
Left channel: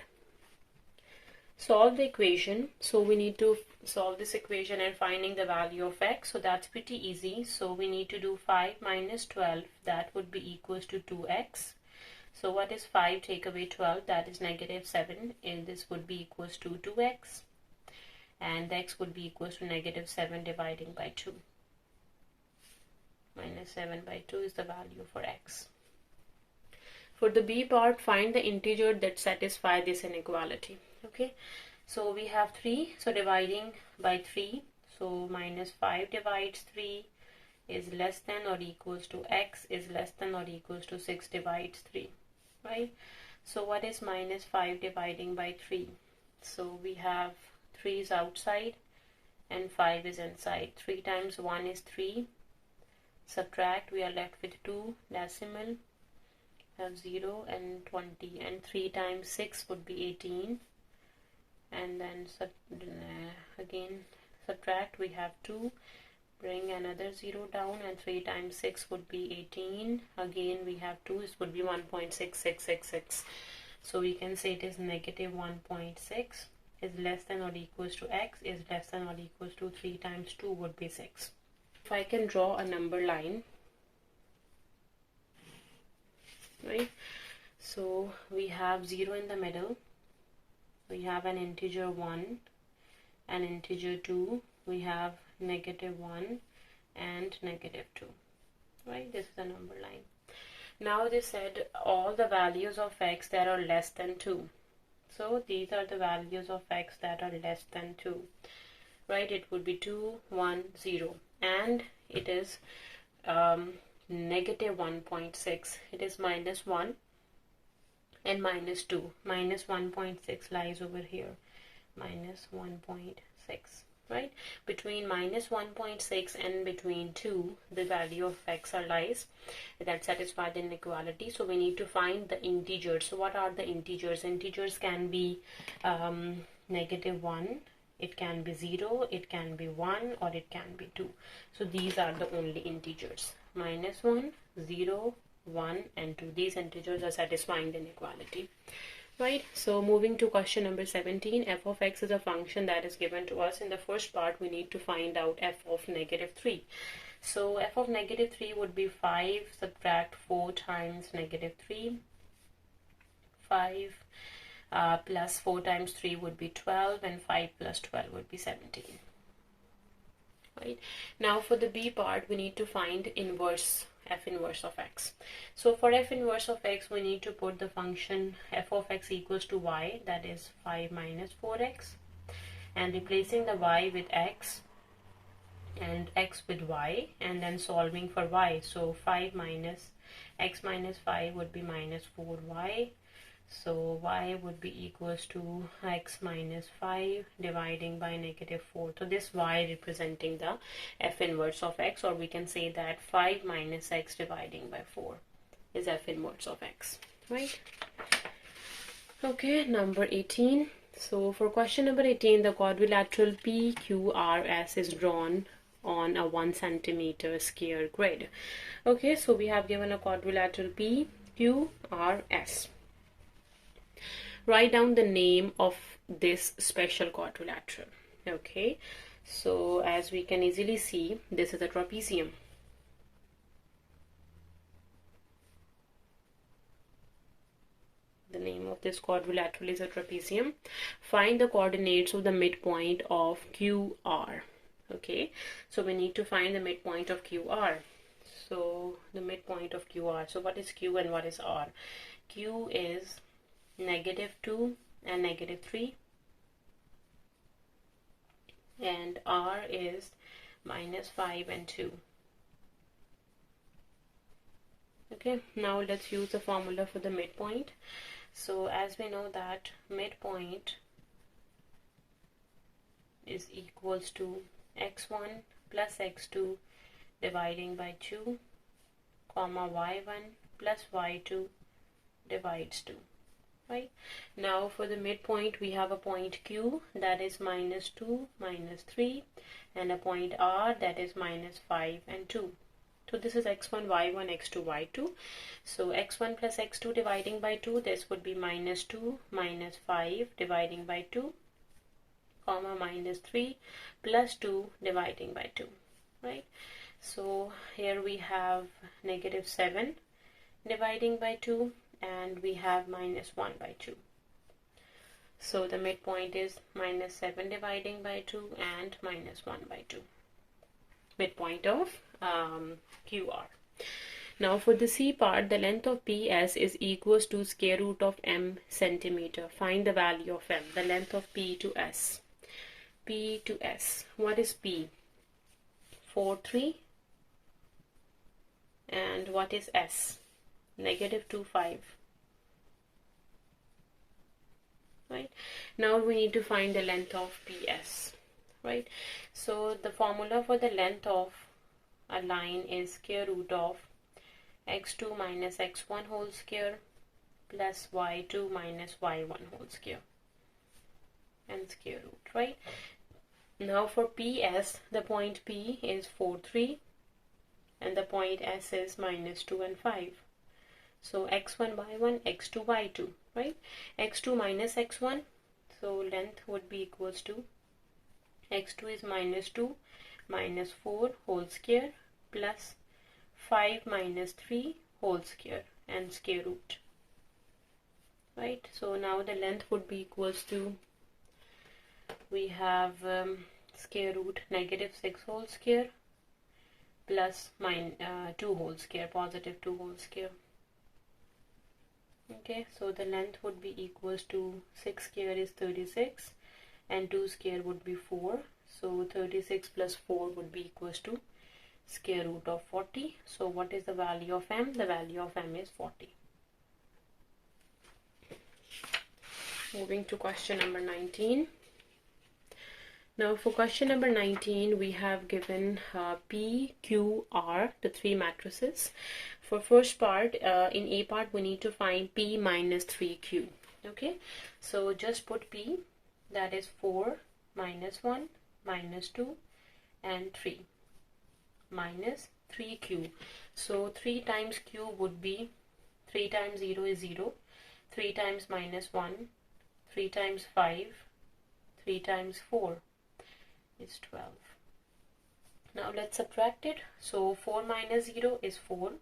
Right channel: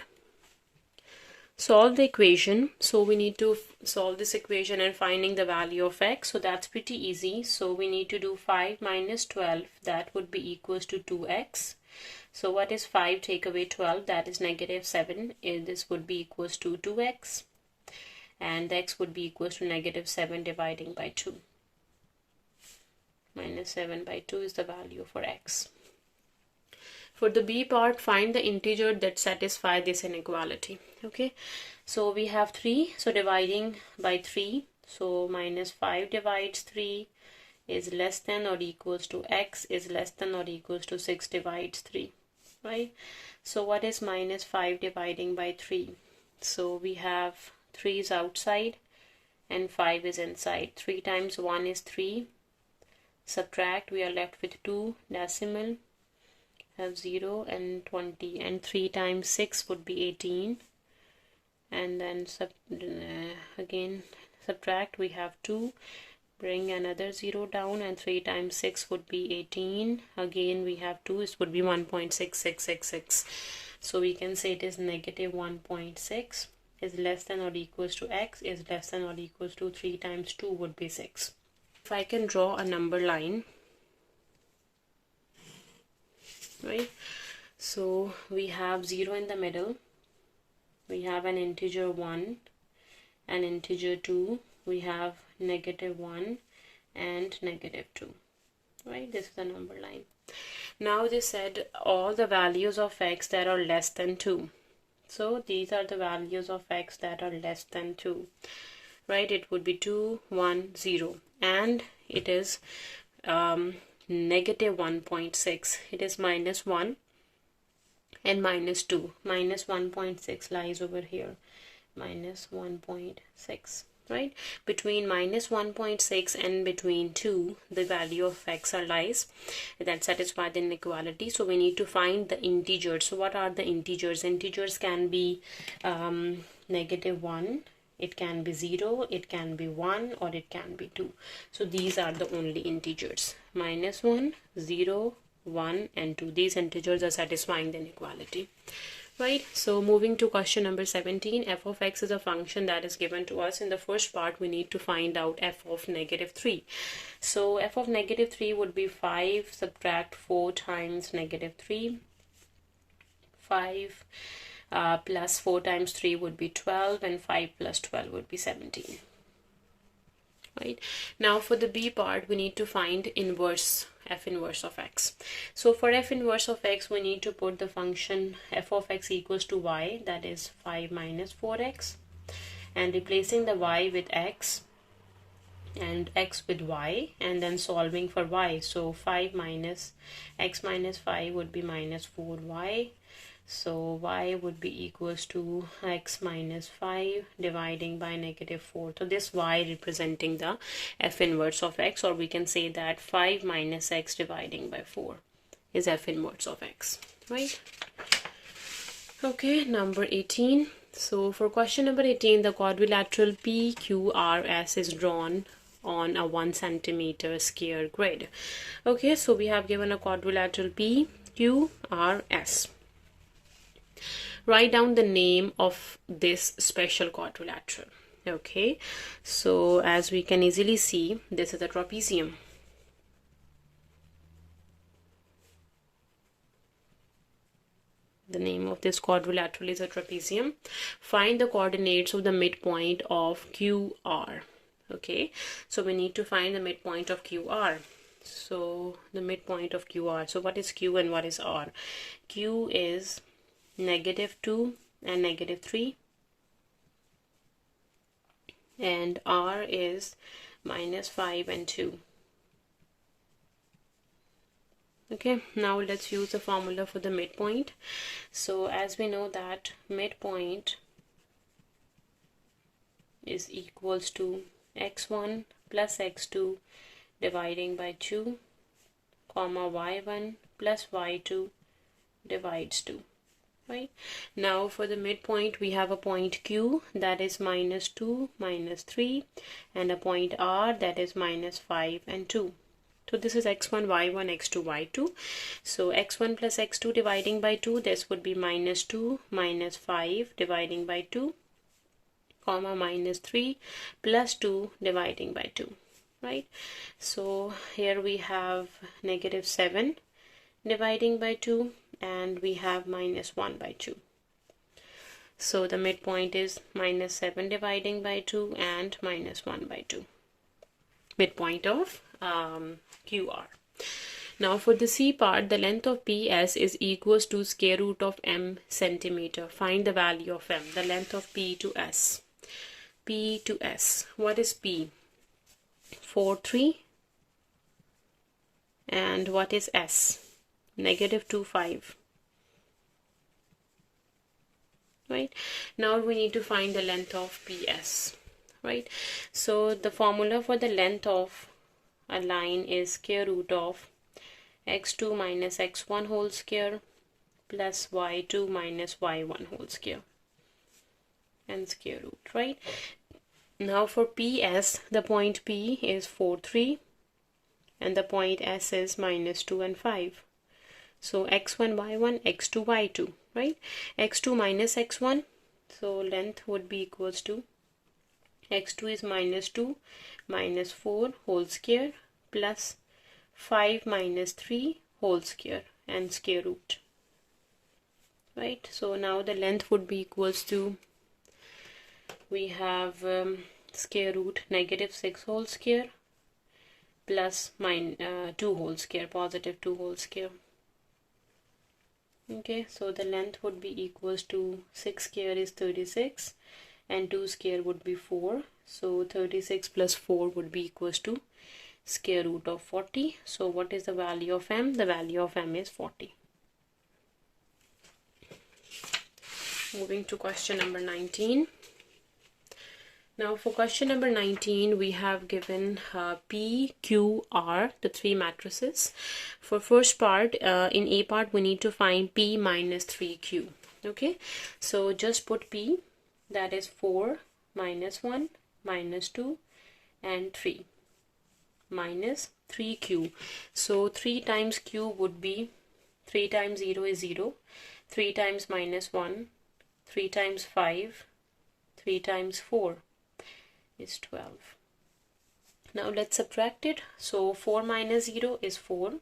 solve the equation. So we need to solve this equation and finding the value of x. So that's pretty easy. So we need to do 5 minus 12. That would be equals to 2x. So what is 5 take away 12? That is negative 7. And this would be equals to 2x. And x would be equals to negative 7 dividing by 2. Minus 7 by 2 is the value for x. For the B part, find the integer that satisfies this inequality. Okay, so we have 3, so dividing by 3, so minus 5 divides 3 is less than or equals to x is less than or equals to 6 divides 3, right? So what is minus 5 dividing by 3? So we have 3 is outside and 5 is inside. 3 times 1 is 3. Subtract, we are left with 2 decimal, have 0 and 20, and 3 times 6 would be 18, and then again subtract, we have 2, bring another 0 down, and 3 times 6 would be 18, again we have 2, this would be 1.6666. So we can say it is negative 1.6 is less than or equals to x is less than or equals to 3 times 2 would be 6. If I can draw a number line, right? So we have 0 in the middle, we have an integer 1, an integer 2, we have negative 1 and negative 2, right? This is the number line. Now they said all the values of x that are less than 2. So these are the values of x that are less than 2. Right, it would be 2, 1, 0, and it is negative 1.6. It is minus 1 and minus 2. Minus 1.6 lies over here. Minus 1.6, right? Between minus 1.6 and between 2, the value of x lies that satisfy the inequality. So we need to find the integers. So what are the integers? Integers can be negative 1. It can be 0, it can be 1, or it can be 2. So these are the only integers. Minus 1, 0, 1, and 2. These integers are satisfying the inequality. Right, so moving to question number 17, f of x is a function that is given to us. In the first part, we need to find out f of -3. So f of -3 would be 5 subtract 4 times -3. 5 plus 4 times 3 would be 12, and 5 plus 12 would be 17. Right, now for the b part, we need to find inverse, f inverse of x. So for f inverse of x, we need to put the function f of x equals to y, that is 5 minus 4x, and replacing the y with x and x with y, and then solving for y. So 5 minus x minus 5 would be minus 4y. So y would be equals to x minus 5 dividing by -4. So this y representing the f inverse of x, or we can say that 5 minus x dividing by 4 is f inverse of x, right? Okay, number 18. So for question number 18, the quadrilateral PQRS is drawn on a 1 centimeter square grid. Okay, so we have given a quadrilateral PQRS. Write down the name of this special quadrilateral. Okay, so as we can easily see, this is a trapezium. The name of this quadrilateral is a trapezium. Find the coordinates of the midpoint of QR. Okay, so we need to find the midpoint of QR. So the midpoint of QR. So what is Q and what is R? Q is -2 and -3, and R is -5 and 2. Okay, now let's use the formula for the midpoint. So as we know that midpoint is equals to x1 plus x2 dividing by 2, comma y1 plus y2 divides 2. Right, now for the midpoint, we have a point Q that is -2, -3, and a point R that is -5 and 2. So this is x1, y1, x2, y2. So x1 plus x2 dividing by 2, this would be -2 minus 5 dividing by 2, comma -3 plus 2 dividing by 2. Right, so here we have -7 dividing by 2, and we have -1 by 2. So the midpoint is -7 dividing by 2 and -1 by 2. Midpoint of QR. Now for the C part, the length of PS is equals to square root of m centimeter. Find the value of m, the length of P to S. P to S. What is P? 4, 3. And what is S? -2, 5. Right, now we need to find the length of PS. Right, so the formula for the length of a line is square root of x2 minus x1 whole square plus y2 minus y1 whole square and square root. Right, now for PS, the point P is 4, 3, and the point S is -2 and 5. So x1, y1, x2, y2, right? x2 minus x1, so length would be equals to x2 is -2 minus 4 whole square plus 5 minus 3 whole square and square root. Right, so now the length would be equals to, we have square root -6 whole square plus 2 whole square, +2 whole square. Okay, so the length would be equals to 6 square is 36 and 2 square would be 4. So 36 plus 4 would be equals to square root of 40. So what is the value of m? The value of m is 40. Moving to question number 19. Now for question number 19, we have given P, Q, R, the three matrices. For first part, in A part, we need to find P minus 3Q. Okay, so just put P, that is 4, -1, -2, and 3, minus 3Q. So 3 times Q would be, 3 times 0 is 0, 3 times minus 1, 3 times 5, 3 times 4 is 12. Now let's subtract it. So 4 minus 0 is 4.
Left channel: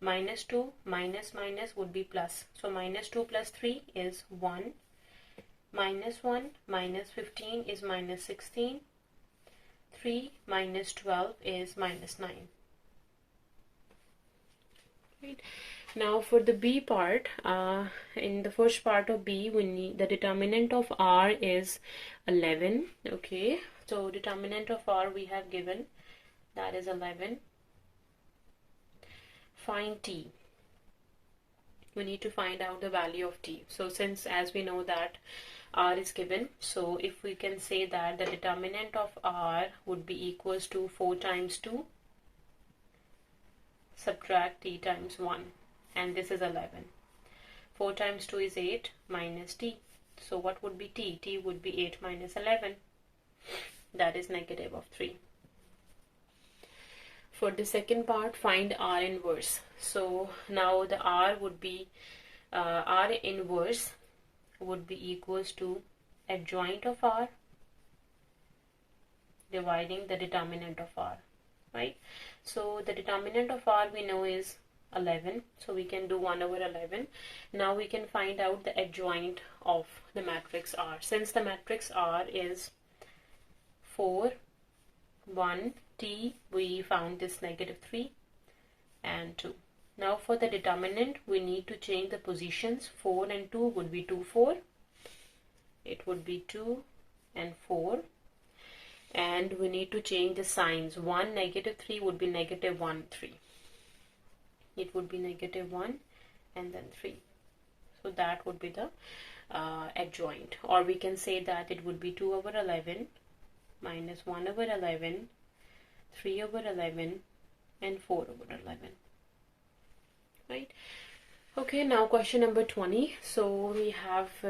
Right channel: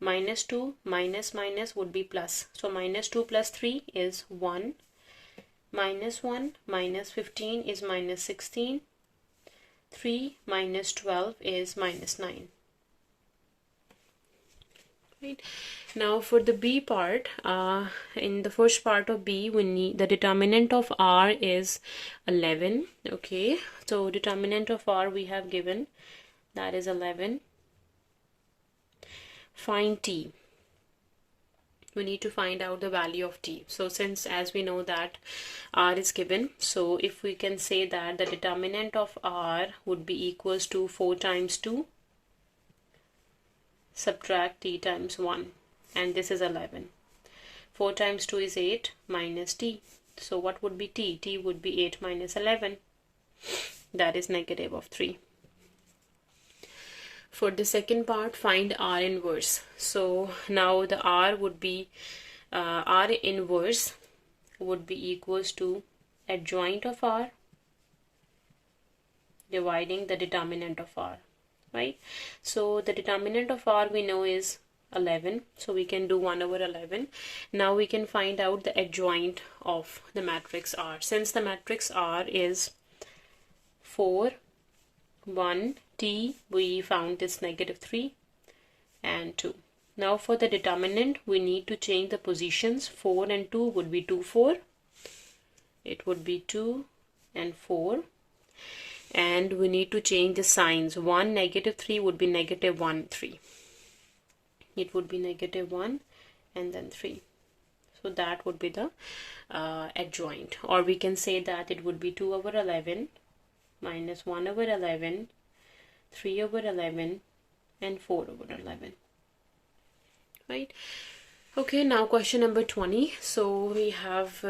Minus 2 minus minus would be plus. So minus 2 plus 3 is 1. Minus 1 minus 15 is minus 16. 3 minus 12 is minus 9. Right. Now for the B part, in the first part of B, we need the determinant of R is 11. Okay, so determinant of R we have given, that is 11. Find T. We need to find out the value of T. So since, as we know that R is given, so if we can say that the determinant of R would be equals to 4 times 2 subtract T times 1, and this is 11. 4 times 2 is 8 minus T. So what would be T? T would be 8 minus 11. That is negative of 3. For the second part, find R inverse. So now the R would be, R inverse would be equals to adjoint of R dividing the determinant of R, right? So the determinant of R we know is 11, so we can do 1 over 11. Now we can find out the adjoint of the matrix R. Since the matrix R is 4, 1, T, we found this negative 3 and 2. Now for the determinant, we need to change the positions. 4 and 2 would be 2, 4. It would be 2 and 4. And we need to change the signs. 1, negative 3 would be negative 1, 3. It would be negative 1 and then 3. So that would be the adjoint. Or we can say that it would be 2 over 11 minus 1 over 11, 3 over 11 and 4 over 11. Right? Okay, now question number 20. So we have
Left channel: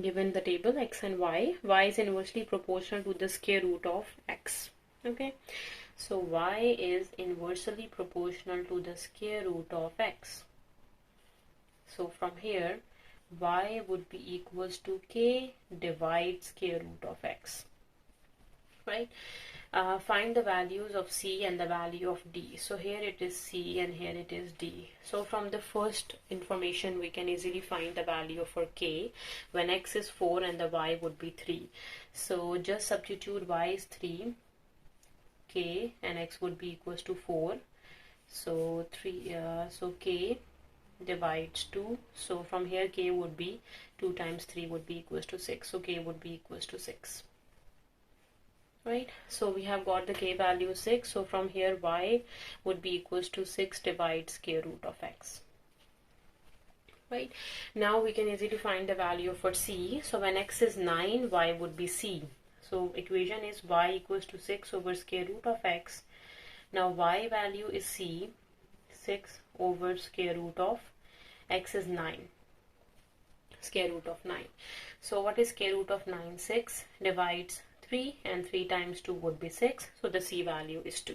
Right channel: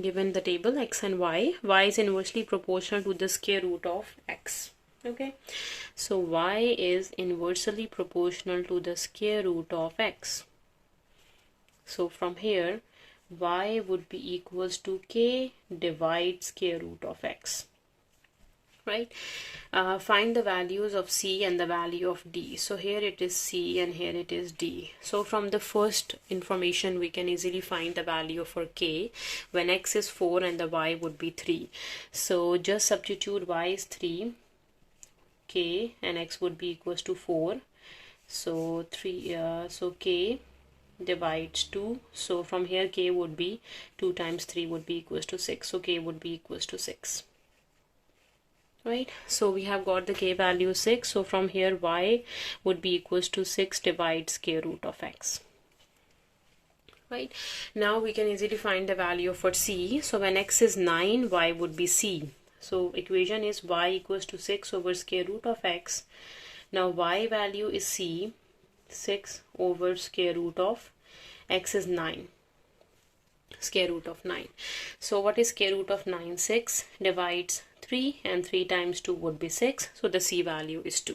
given the table x and y. Y is inversely proportional to the square root of x. Okay, so y is inversely proportional to the square root of x. So from here, y would be equals to k divided square root of x. Right? Find the values of c and the value of d. So here it is c and here it is d. So from the first information we can easily find the value for k when x is 4 and the y would be 3. So just substitute y is 3, k, and x would be equals to 4. So 3, so k divides 2. So from here k would be 2 times 3 would be equals to 6. So k would be equals to 6. Right, so we have got the k value 6. So from here y would be equals to 6 divided square root of x. Right, now we can easily find the value for c. So when x is 9, y would be c. So equation is y equals to 6 over square root of x. Now y value is c, 6 over square root of x is 9. Square root of 9. So what is square root of 9? 6 divides 3 and 3 times 2 would be 6. So the c value is 2.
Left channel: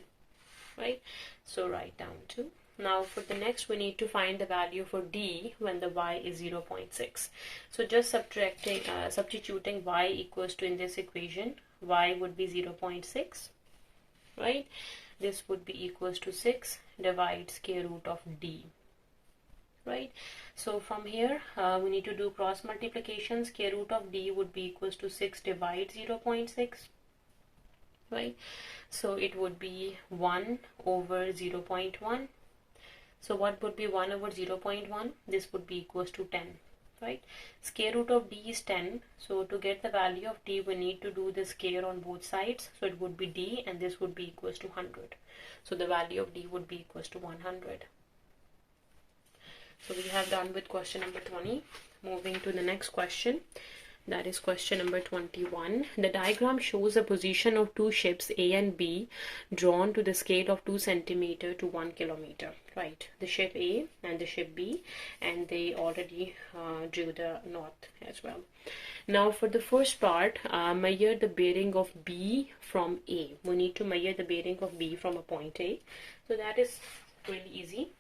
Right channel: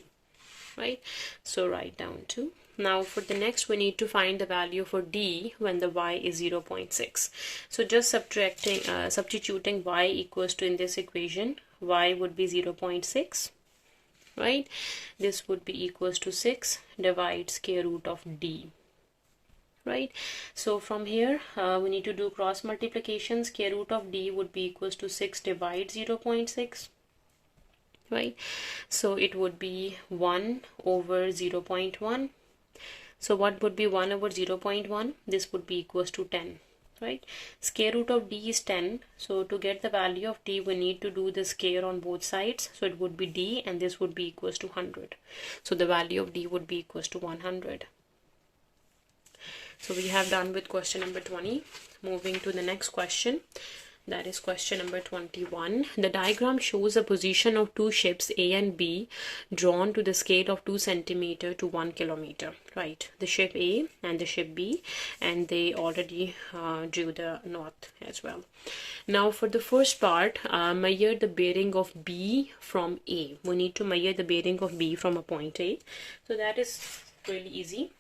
Right? So write down 2. Now for the next we need to find the value for d when the y is 0.6. So just substituting y equals to in this equation, y would be 0.6. Right? This would be equals to 6 divided square root of d. Right, so from here we need to do cross multiplication. Square root of d would be equals to 6 divided 0.6. Right, so it would be 1 over 0.1. So what would be 1 over 0.1? This would be equals to 10. Right, square root of d is 10. So to get the value of d we need to do the square on both sides. So it would be d and this would be equals to 100. So the value of d would be equals to 100. So we have done with question number 20. Moving to the next question, that is question number 21. The diagram shows the position of two ships A and B drawn to the scale of 2 cm to 1 km. Right, the ship A and the ship B, and they already drew the north as well. Now for the first part, measure the bearing of B from A. We need to measure the bearing of B from a point A. So that is really easy.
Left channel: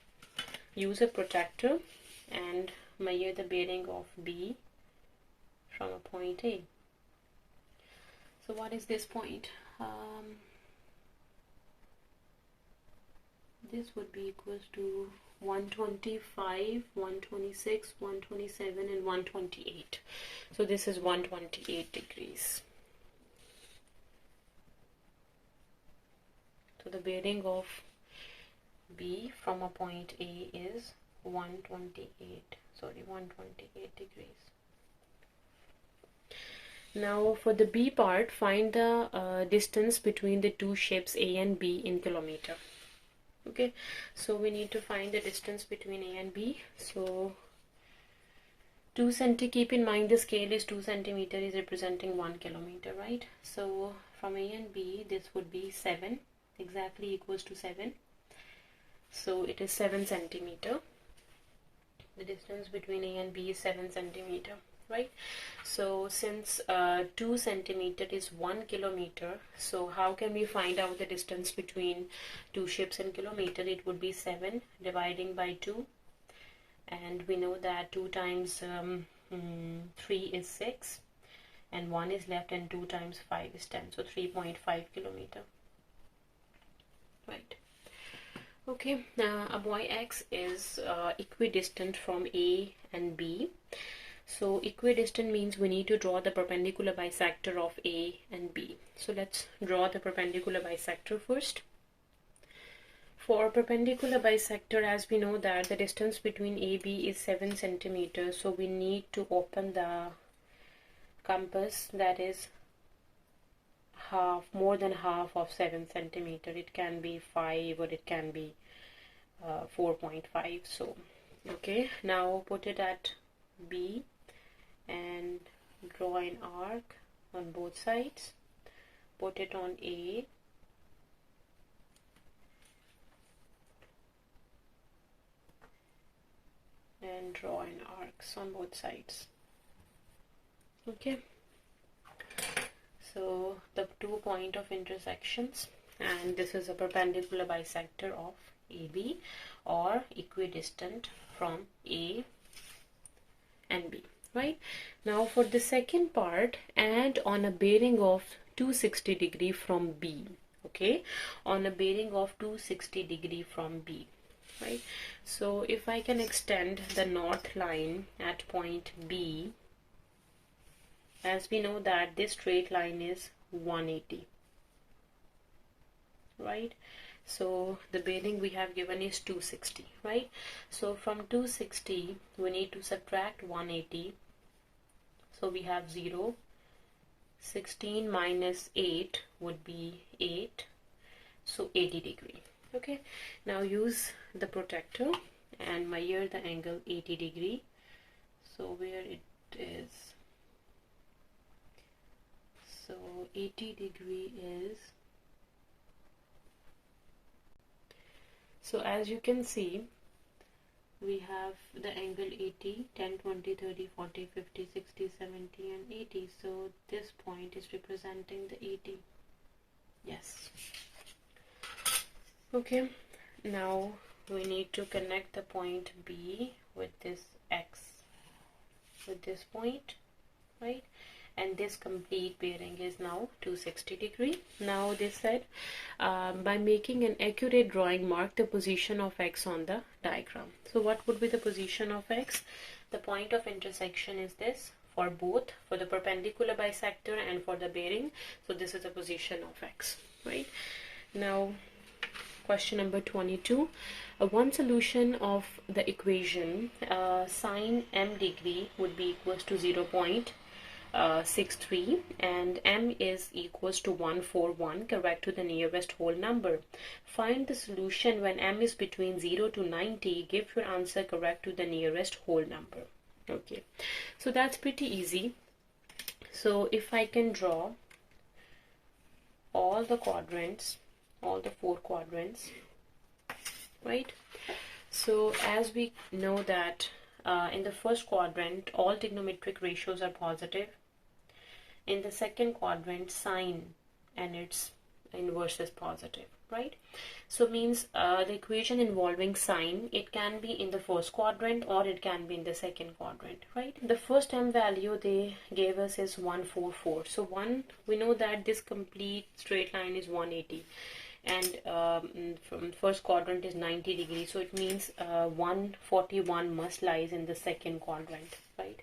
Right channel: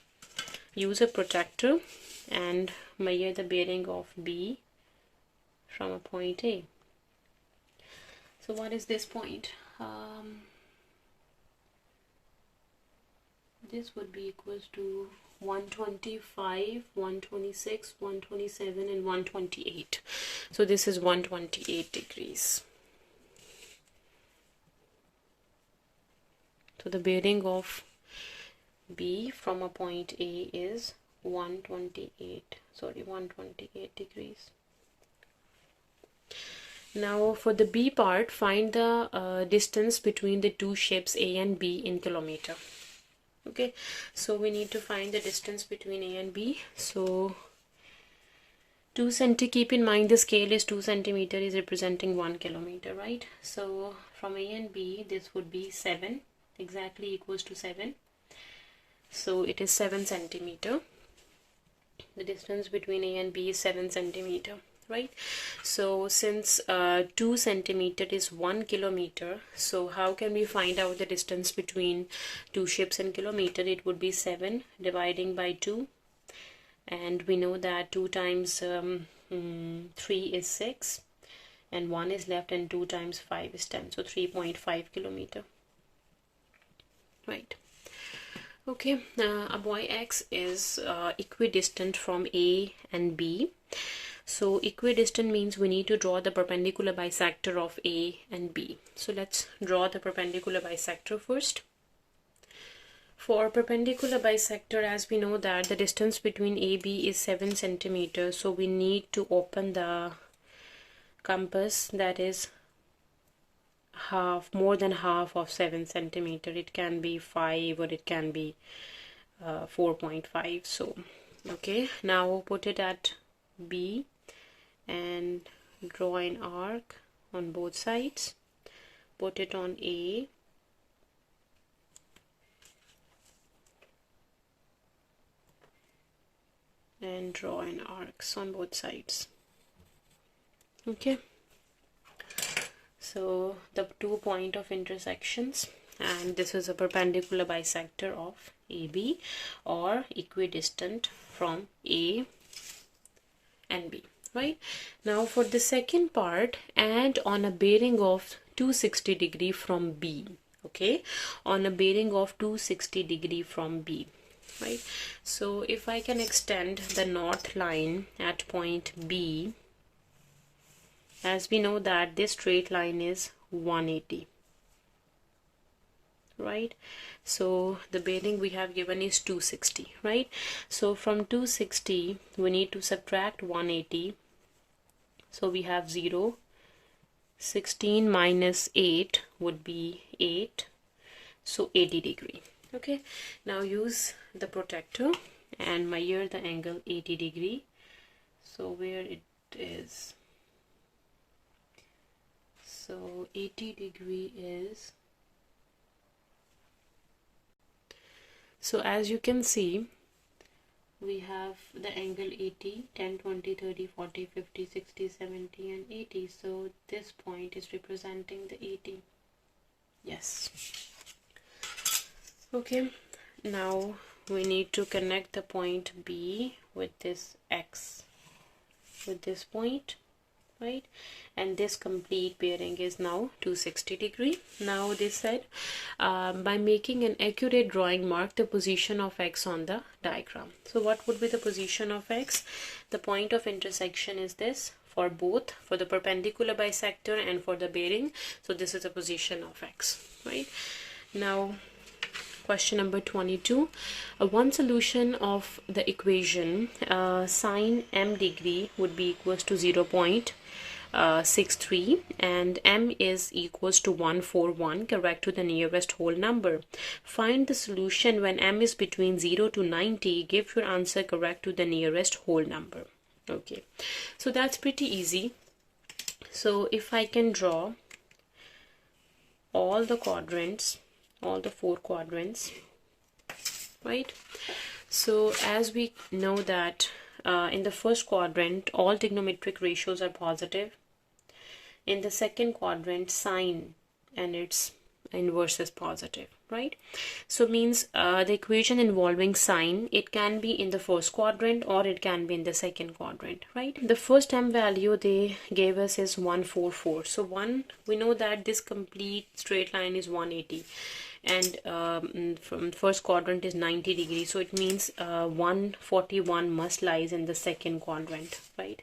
Use a protractor and measure the bearing of B from a point A. So what is this point? This would be equals to 125, 126, 127 and 128. So this is 128 degrees. So the bearing of B from a point A is 128 degrees. Now for the B part, find the distance between the two shapes A and B in kilometer. Okay, so we need to find the distance between A and B. So 2 cm, keep in mind the scale is 2 centimeter is representing 1 kilometer, right? So from A and B, this would be 7, exactly equals to 7. So it is 7 centimeter. The distance between A and B is 7 centimeter, right? So since 2 centimeter is 1 kilometer, so how can we find out the distance between two shapes in kilometer? It would be 7 dividing by 2, and we know that 2 times 3 is 6 and 1 is left, and 2 times 5 is 10, so 3.5 kilometer, right? Okay, a boy X is equidistant from A and B. So equidistant means we need to draw the perpendicular bisector of A and B. So let's draw the perpendicular bisector first. For perpendicular bisector, as we know that the distance between AB is 7 centimeters, so we need to open the compass, that is more than half of 7 centimeter. It can be 5 or it can be 4.5. So okay, now put it at B and draw an arc on both sides. Put it on A and draw an arcs on both sides. Okay, so the 2 point of intersections, and this is a perpendicular bisector of AB or equidistant from A and B, right? Now for the second part, and on a bearing of 260 degree from B, okay, on a bearing of 260 degree from B, right? So if I can extend the north line at point B, as we know that this straight line is 180, right? So the bearing we have given is 260, right? So from 260 we need to subtract 180. So we have 0. 16 minus 8 would be 8. So 80 degree. Okay, now use the protractor and measure the angle 80 degree. So where it is, so 80 degree is, so as you can see, we have the angle 80, 10, 20, 30, 40, 50, 60, 70 and 80. So this point is representing the 80. Yes. Okay, now we need to connect the point B with this X, with this point, right? And this complete bearing is now 260 degree. Now they said by making an accurate drawing, mark the position of X on the diagram. So what would be the position of X? The point of intersection is this for both, for the perpendicular bisector and for the bearing. So this is the position of X, right? Now question number 22. One solution of the equation sine m degree would be equals to 0.63 and m is equals to 141, correct to the nearest whole number. Find the solution when m is between 0 to 90. Give your answer correct to the nearest whole number. Okay, so that's pretty easy. So if I can draw all the quadrants, all the 4 quadrants, right? So as we know that in the first quadrant all trigonometric ratios are positive. In the second quadrant, sine and its inverse is positive, right? So means the equation involving sine, it can be in the first quadrant or it can be in the second quadrant, right? The first m value they gave us is 144. So we know that this complete straight line is 180, and from first quadrant is 90 degrees, so it means 141 must lies in the second quadrant, right?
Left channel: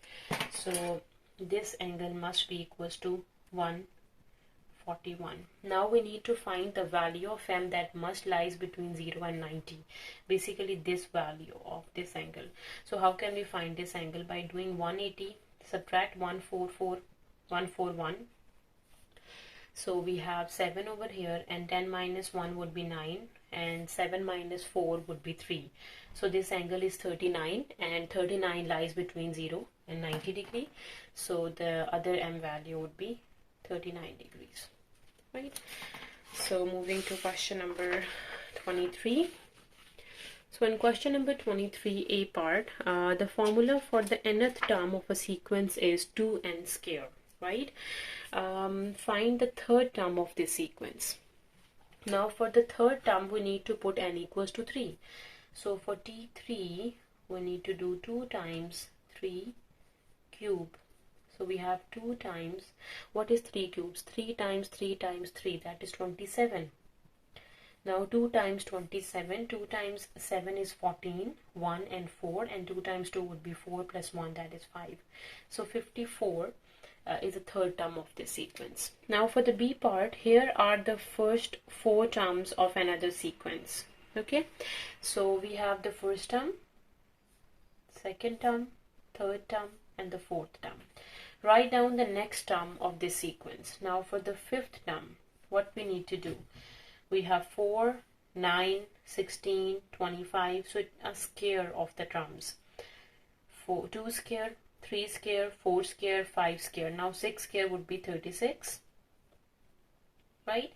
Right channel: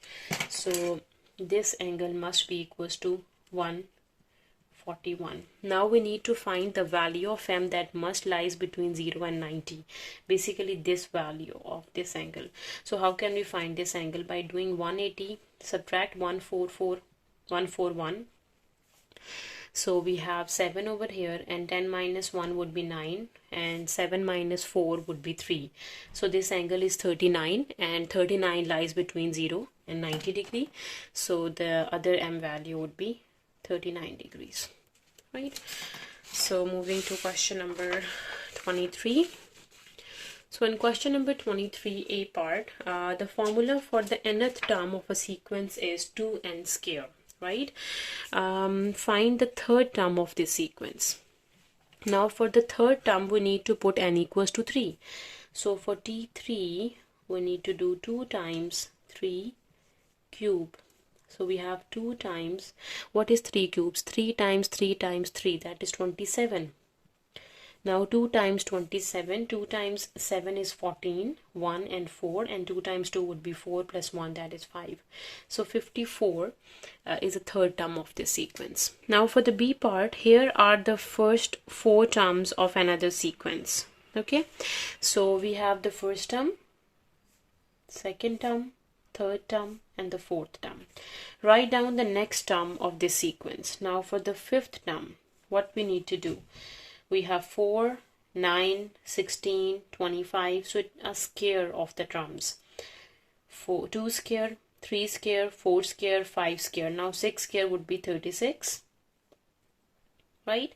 So this angle must be equals to 141. Now we need to find the value of m that must lies between 0 and 90, basically this value of this angle. So how can we find this angle? By doing 180 subtract 141. So we have 7 over here, and 10 minus 1 would be 9, and 7 minus 4 would be 3. So this angle is 39, and 39 lies between 0 and 90 degree. So the other m value would be 39 degrees, right? So moving to question number 23. So in question number 23, A part, the formula for the nth term of a sequence is 2n square. Right? Find the third term of this sequence. Now for the third term we need to put n equals to 3. So for t3 we need to do 2 times 3 cube. So we have 2 times, what is 3 cubes? 3 times 3 times 3, that is 27. Now 2 times 27, 2 times 7 is 14, 1 and 4, and 2 times 2 would be 4 plus 1, that is 5. So 54 is the third term of this sequence. Now for the B part, here are the first 4 terms of another sequence. Okay, so we have the first term, second term, third term, and the fourth term. Write down the next term of this sequence. Now for the fifth term, what we need to do? We have 4, 9, 16, 25, so a square of the terms. 2 square, 3 square, 4 square, 5 square. Now 6 square would be 36, right?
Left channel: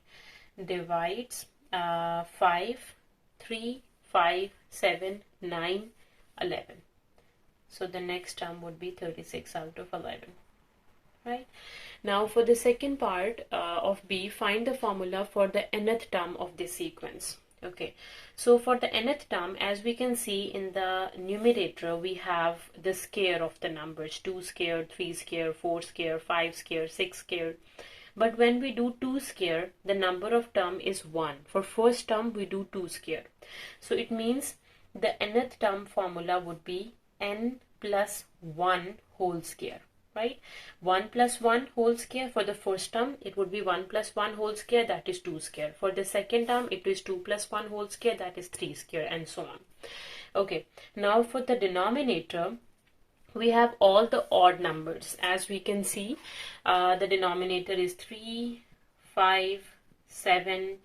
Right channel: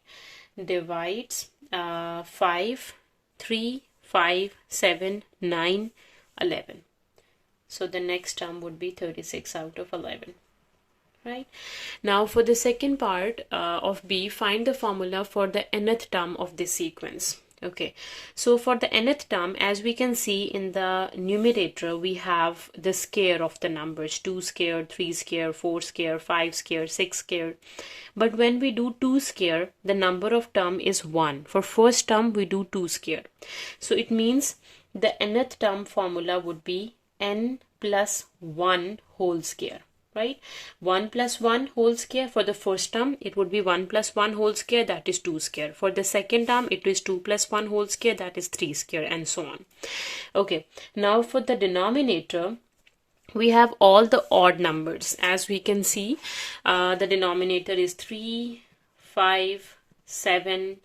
Divides 5, 3, 5, 7, 9, 11. So the next term would be 36 out of 11. Right? Now for the second part of B, find the formula for the nth term of this sequence. Okay, so for the nth term, as we can see in the numerator, we have the square of the numbers, 2 square, 3 square, 4 square, 5 square, 6 square. But when we do 2 square, the number of term is 1. For first term, we do 2 square. So it means the nth term formula would be n plus 1 whole square. Right? 1 plus 1 whole square. For the first term, it would be 1 plus 1 whole square, that is 2 square. For the second term, it is 2 plus 1 whole square, that is 3 square, and so on. Okay, now for the denominator, we have all the odd numbers. As we can see, the denominator is 3, 5, 7,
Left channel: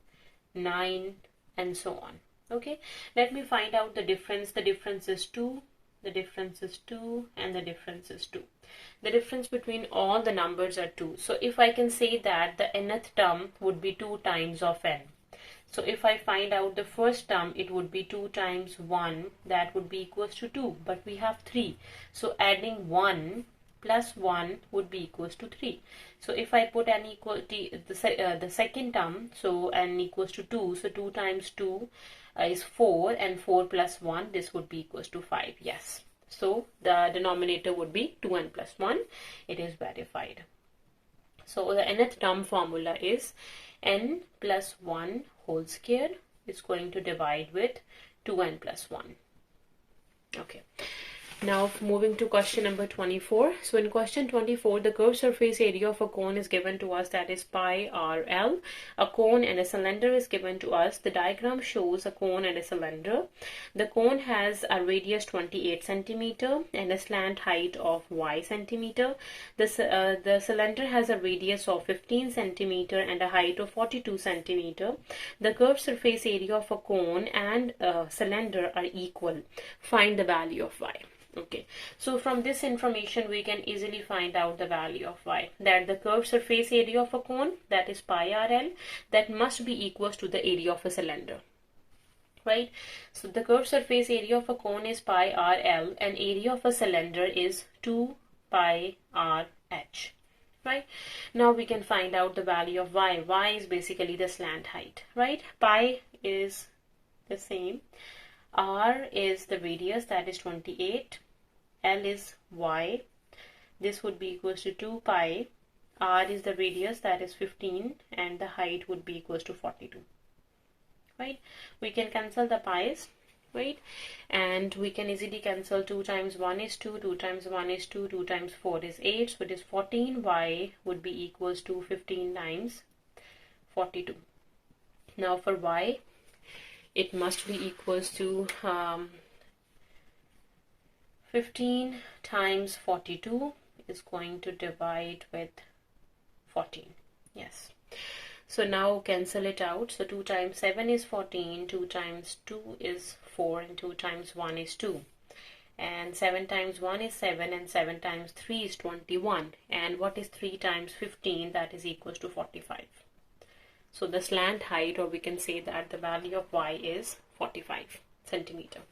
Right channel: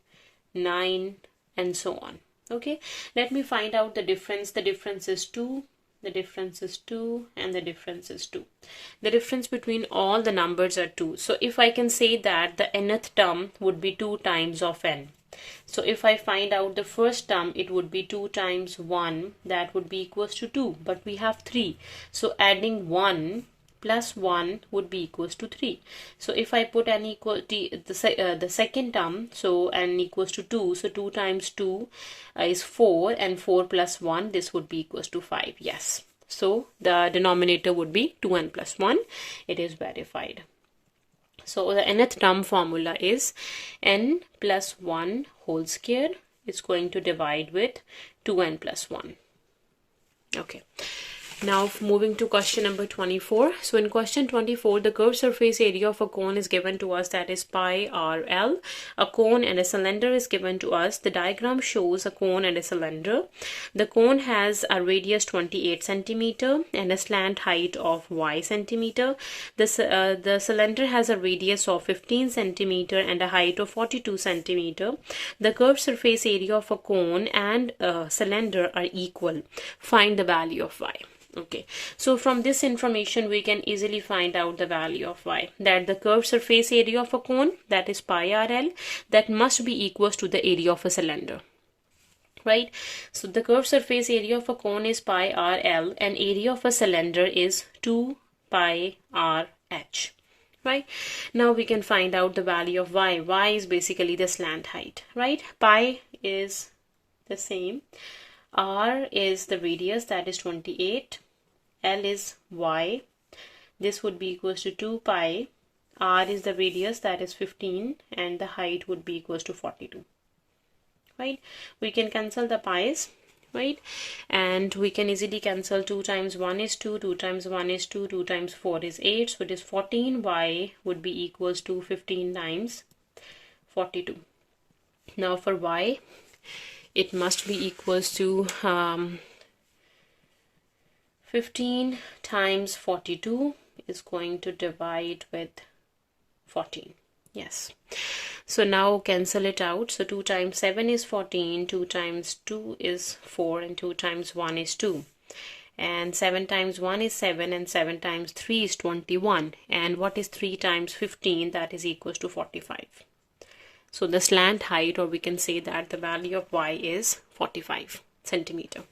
9, and so on. Okay, let me find out the difference. The difference is 2. The difference is 2, and the difference is 2. The difference between all the numbers are 2. So if I can say that the nth term would be 2 times of n. So if I find out the first term, it would be 2 times 1, that would be equals to 2. But we have 3. So adding 1 plus 1 would be equals to 3. So if I put n equal to the second term, so n equals to 2, so 2 times 2 is 4, and 4 plus 1, this would be equals to 5. Yes, so the denominator would be 2n plus 1. It is verified. So the nth term formula is n plus 1 whole square is going to divide with 2n plus 1. Okay. Now moving to question number 24. So in question 24, the curved surface area of a cone is given to us, that is pi RL. A cone and a cylinder is given to us. The diagram shows a cone and a cylinder. The cone has a radius 28 centimeter and a slant height of y centimeter. The cylinder has a radius of 15 centimeter and a height of 42 centimeter. The curved surface area of a cone and a cylinder are equal. Find the value of y. Okay, so from this information we can easily find out the value of y, that the curved surface area of a cone, that is pi RL, that must be equals to the area of a cylinder, right? So the curved surface area of a cone is pi RL and area of a cylinder is 2 pi RH, right? Now we can find out the value of y. Y is basically the slant height, right? Pi is the same. R is the radius, that is 28. L is y. This would be equals to 2 pi. R is the radius, that is 15, and the height would be equals to 42, right? We can cancel the pi's, right? And we can easily cancel 2 times 1 is 2, 2 times 1 is 2, 2 times 4 is 8, so it is 14. Y would be equals to 15 times 42. Now for y, it must be equals to 15 times 42 is going to divide with 14. Yes. So now cancel it out. So 2 times 7 is 14, 2 times 2 is 4, and 2 times 1 is 2. And 7 times 1 is 7, and 7 times 3 is 21. And what is 3 times 15? That is equals to 45. So the slant height, or we can say that the value of y is 45 centimeter.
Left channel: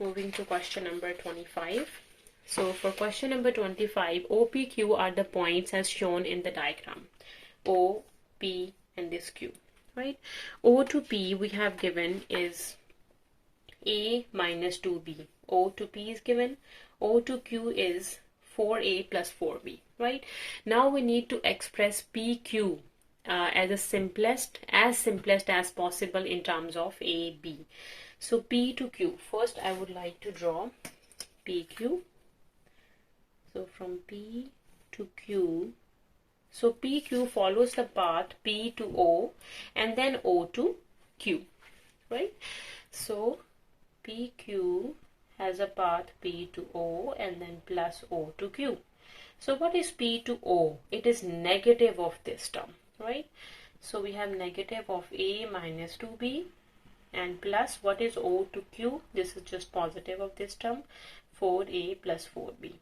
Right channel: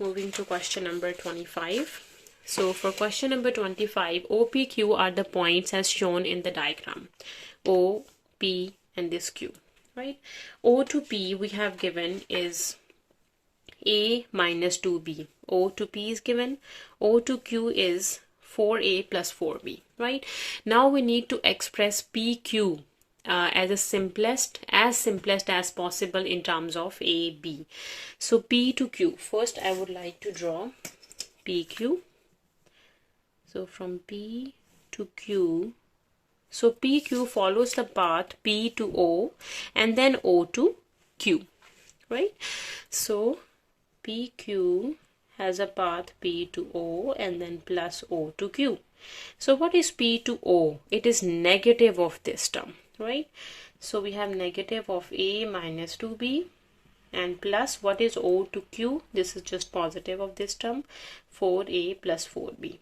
Moving to question number 25. So for question number 25, O, P, Q are the points as shown in the diagram. O, P, and this Q, right? O to P we have given is A minus 2B. O to P is given. O to Q is 4A plus 4B, right? Now we need to express PQ as simplest as possible in terms of A, B. So P to Q. First I would like to draw PQ. So from P to Q, so PQ follows the path P to O and then O to Q, right? So PQ has a path P to O and then plus O to Q. So what is P to O? It is negative of this term, right? So we have negative of A minus 2B and plus what is O to Q? This is just positive of this term, 4A plus 4B.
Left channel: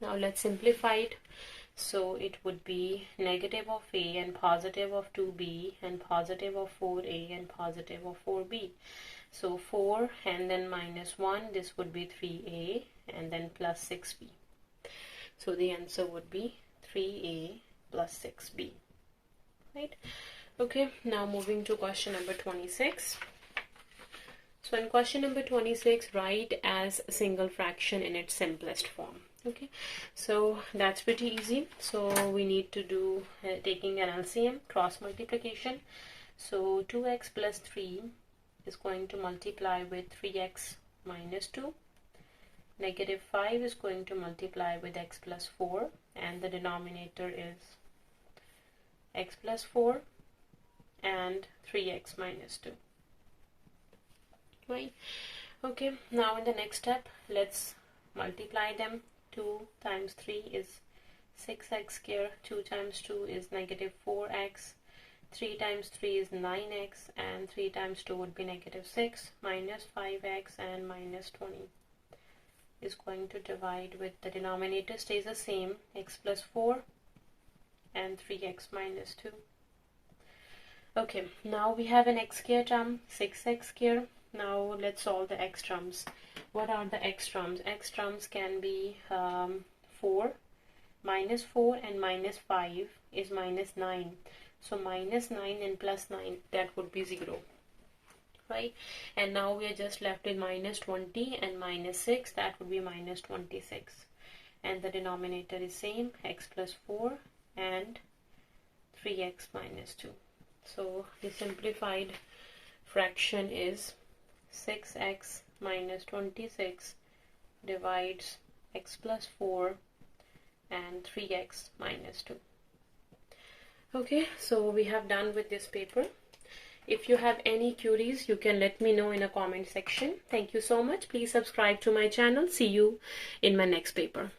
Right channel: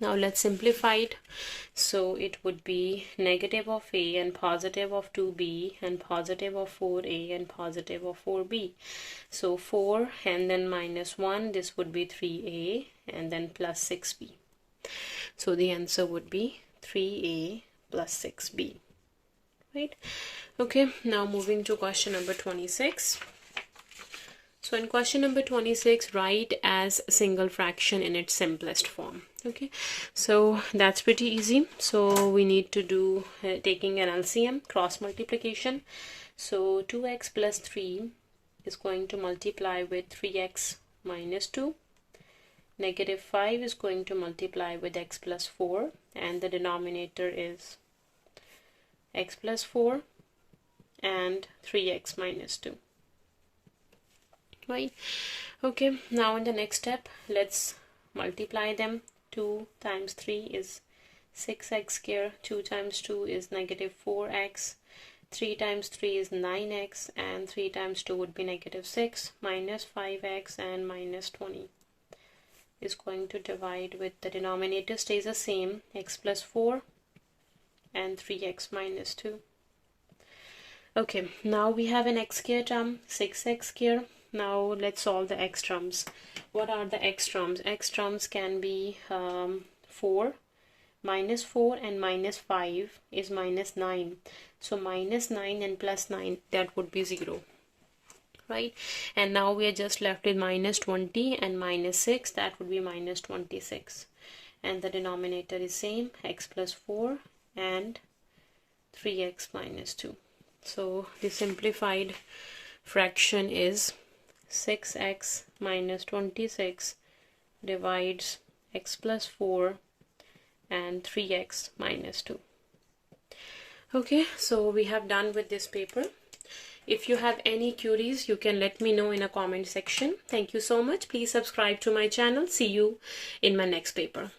Now let's simplify it. So it would be negative of A and positive of 2B and positive of 4A and positive of 4B. So 4 and then minus 1, this would be 3A and then plus 6B. So the answer would be 3A plus 6B, right? Okay, now moving to question number 26. So in question number 26, write as single fraction in its simplest form. Okay, so that's pretty easy. So we need to do taking an LCM, cross multiplication. So 2x plus 3 is going to multiply with 3x minus 2. Negative 5 is going to multiply with x plus 4, and the denominator is x plus 4 and 3x minus 2. Right? Okay, now in the next step, let's multiply them. 2 times 3 is 6x square, 2 times 2 is negative 4x, 3 times 3 is 9x, and 3 times 2 would be negative 6, minus 5x and minus 20 is going to divide with the denominator stays the same, x plus 4 and 3x minus 2. Okay, now we have an x square term, 6x square. Now let's solve the x terms. What are the x terms? X terms can be 4, minus 4 and minus 5 is minus 9. So minus 9 and plus 9, that would be 0. Right? And now we are just left with minus 20 and minus 6, that would be minus 26. And the denominator is same, x plus 4 and 3x minus 2. So the simplified fraction is 6x minus 26 divides x plus 4 and 3x minus 2. Okay, so we have done with this paper. If you have any queries, you can let me know in a comment section. Thank you so much. Please subscribe to my channel. See you in my next paper.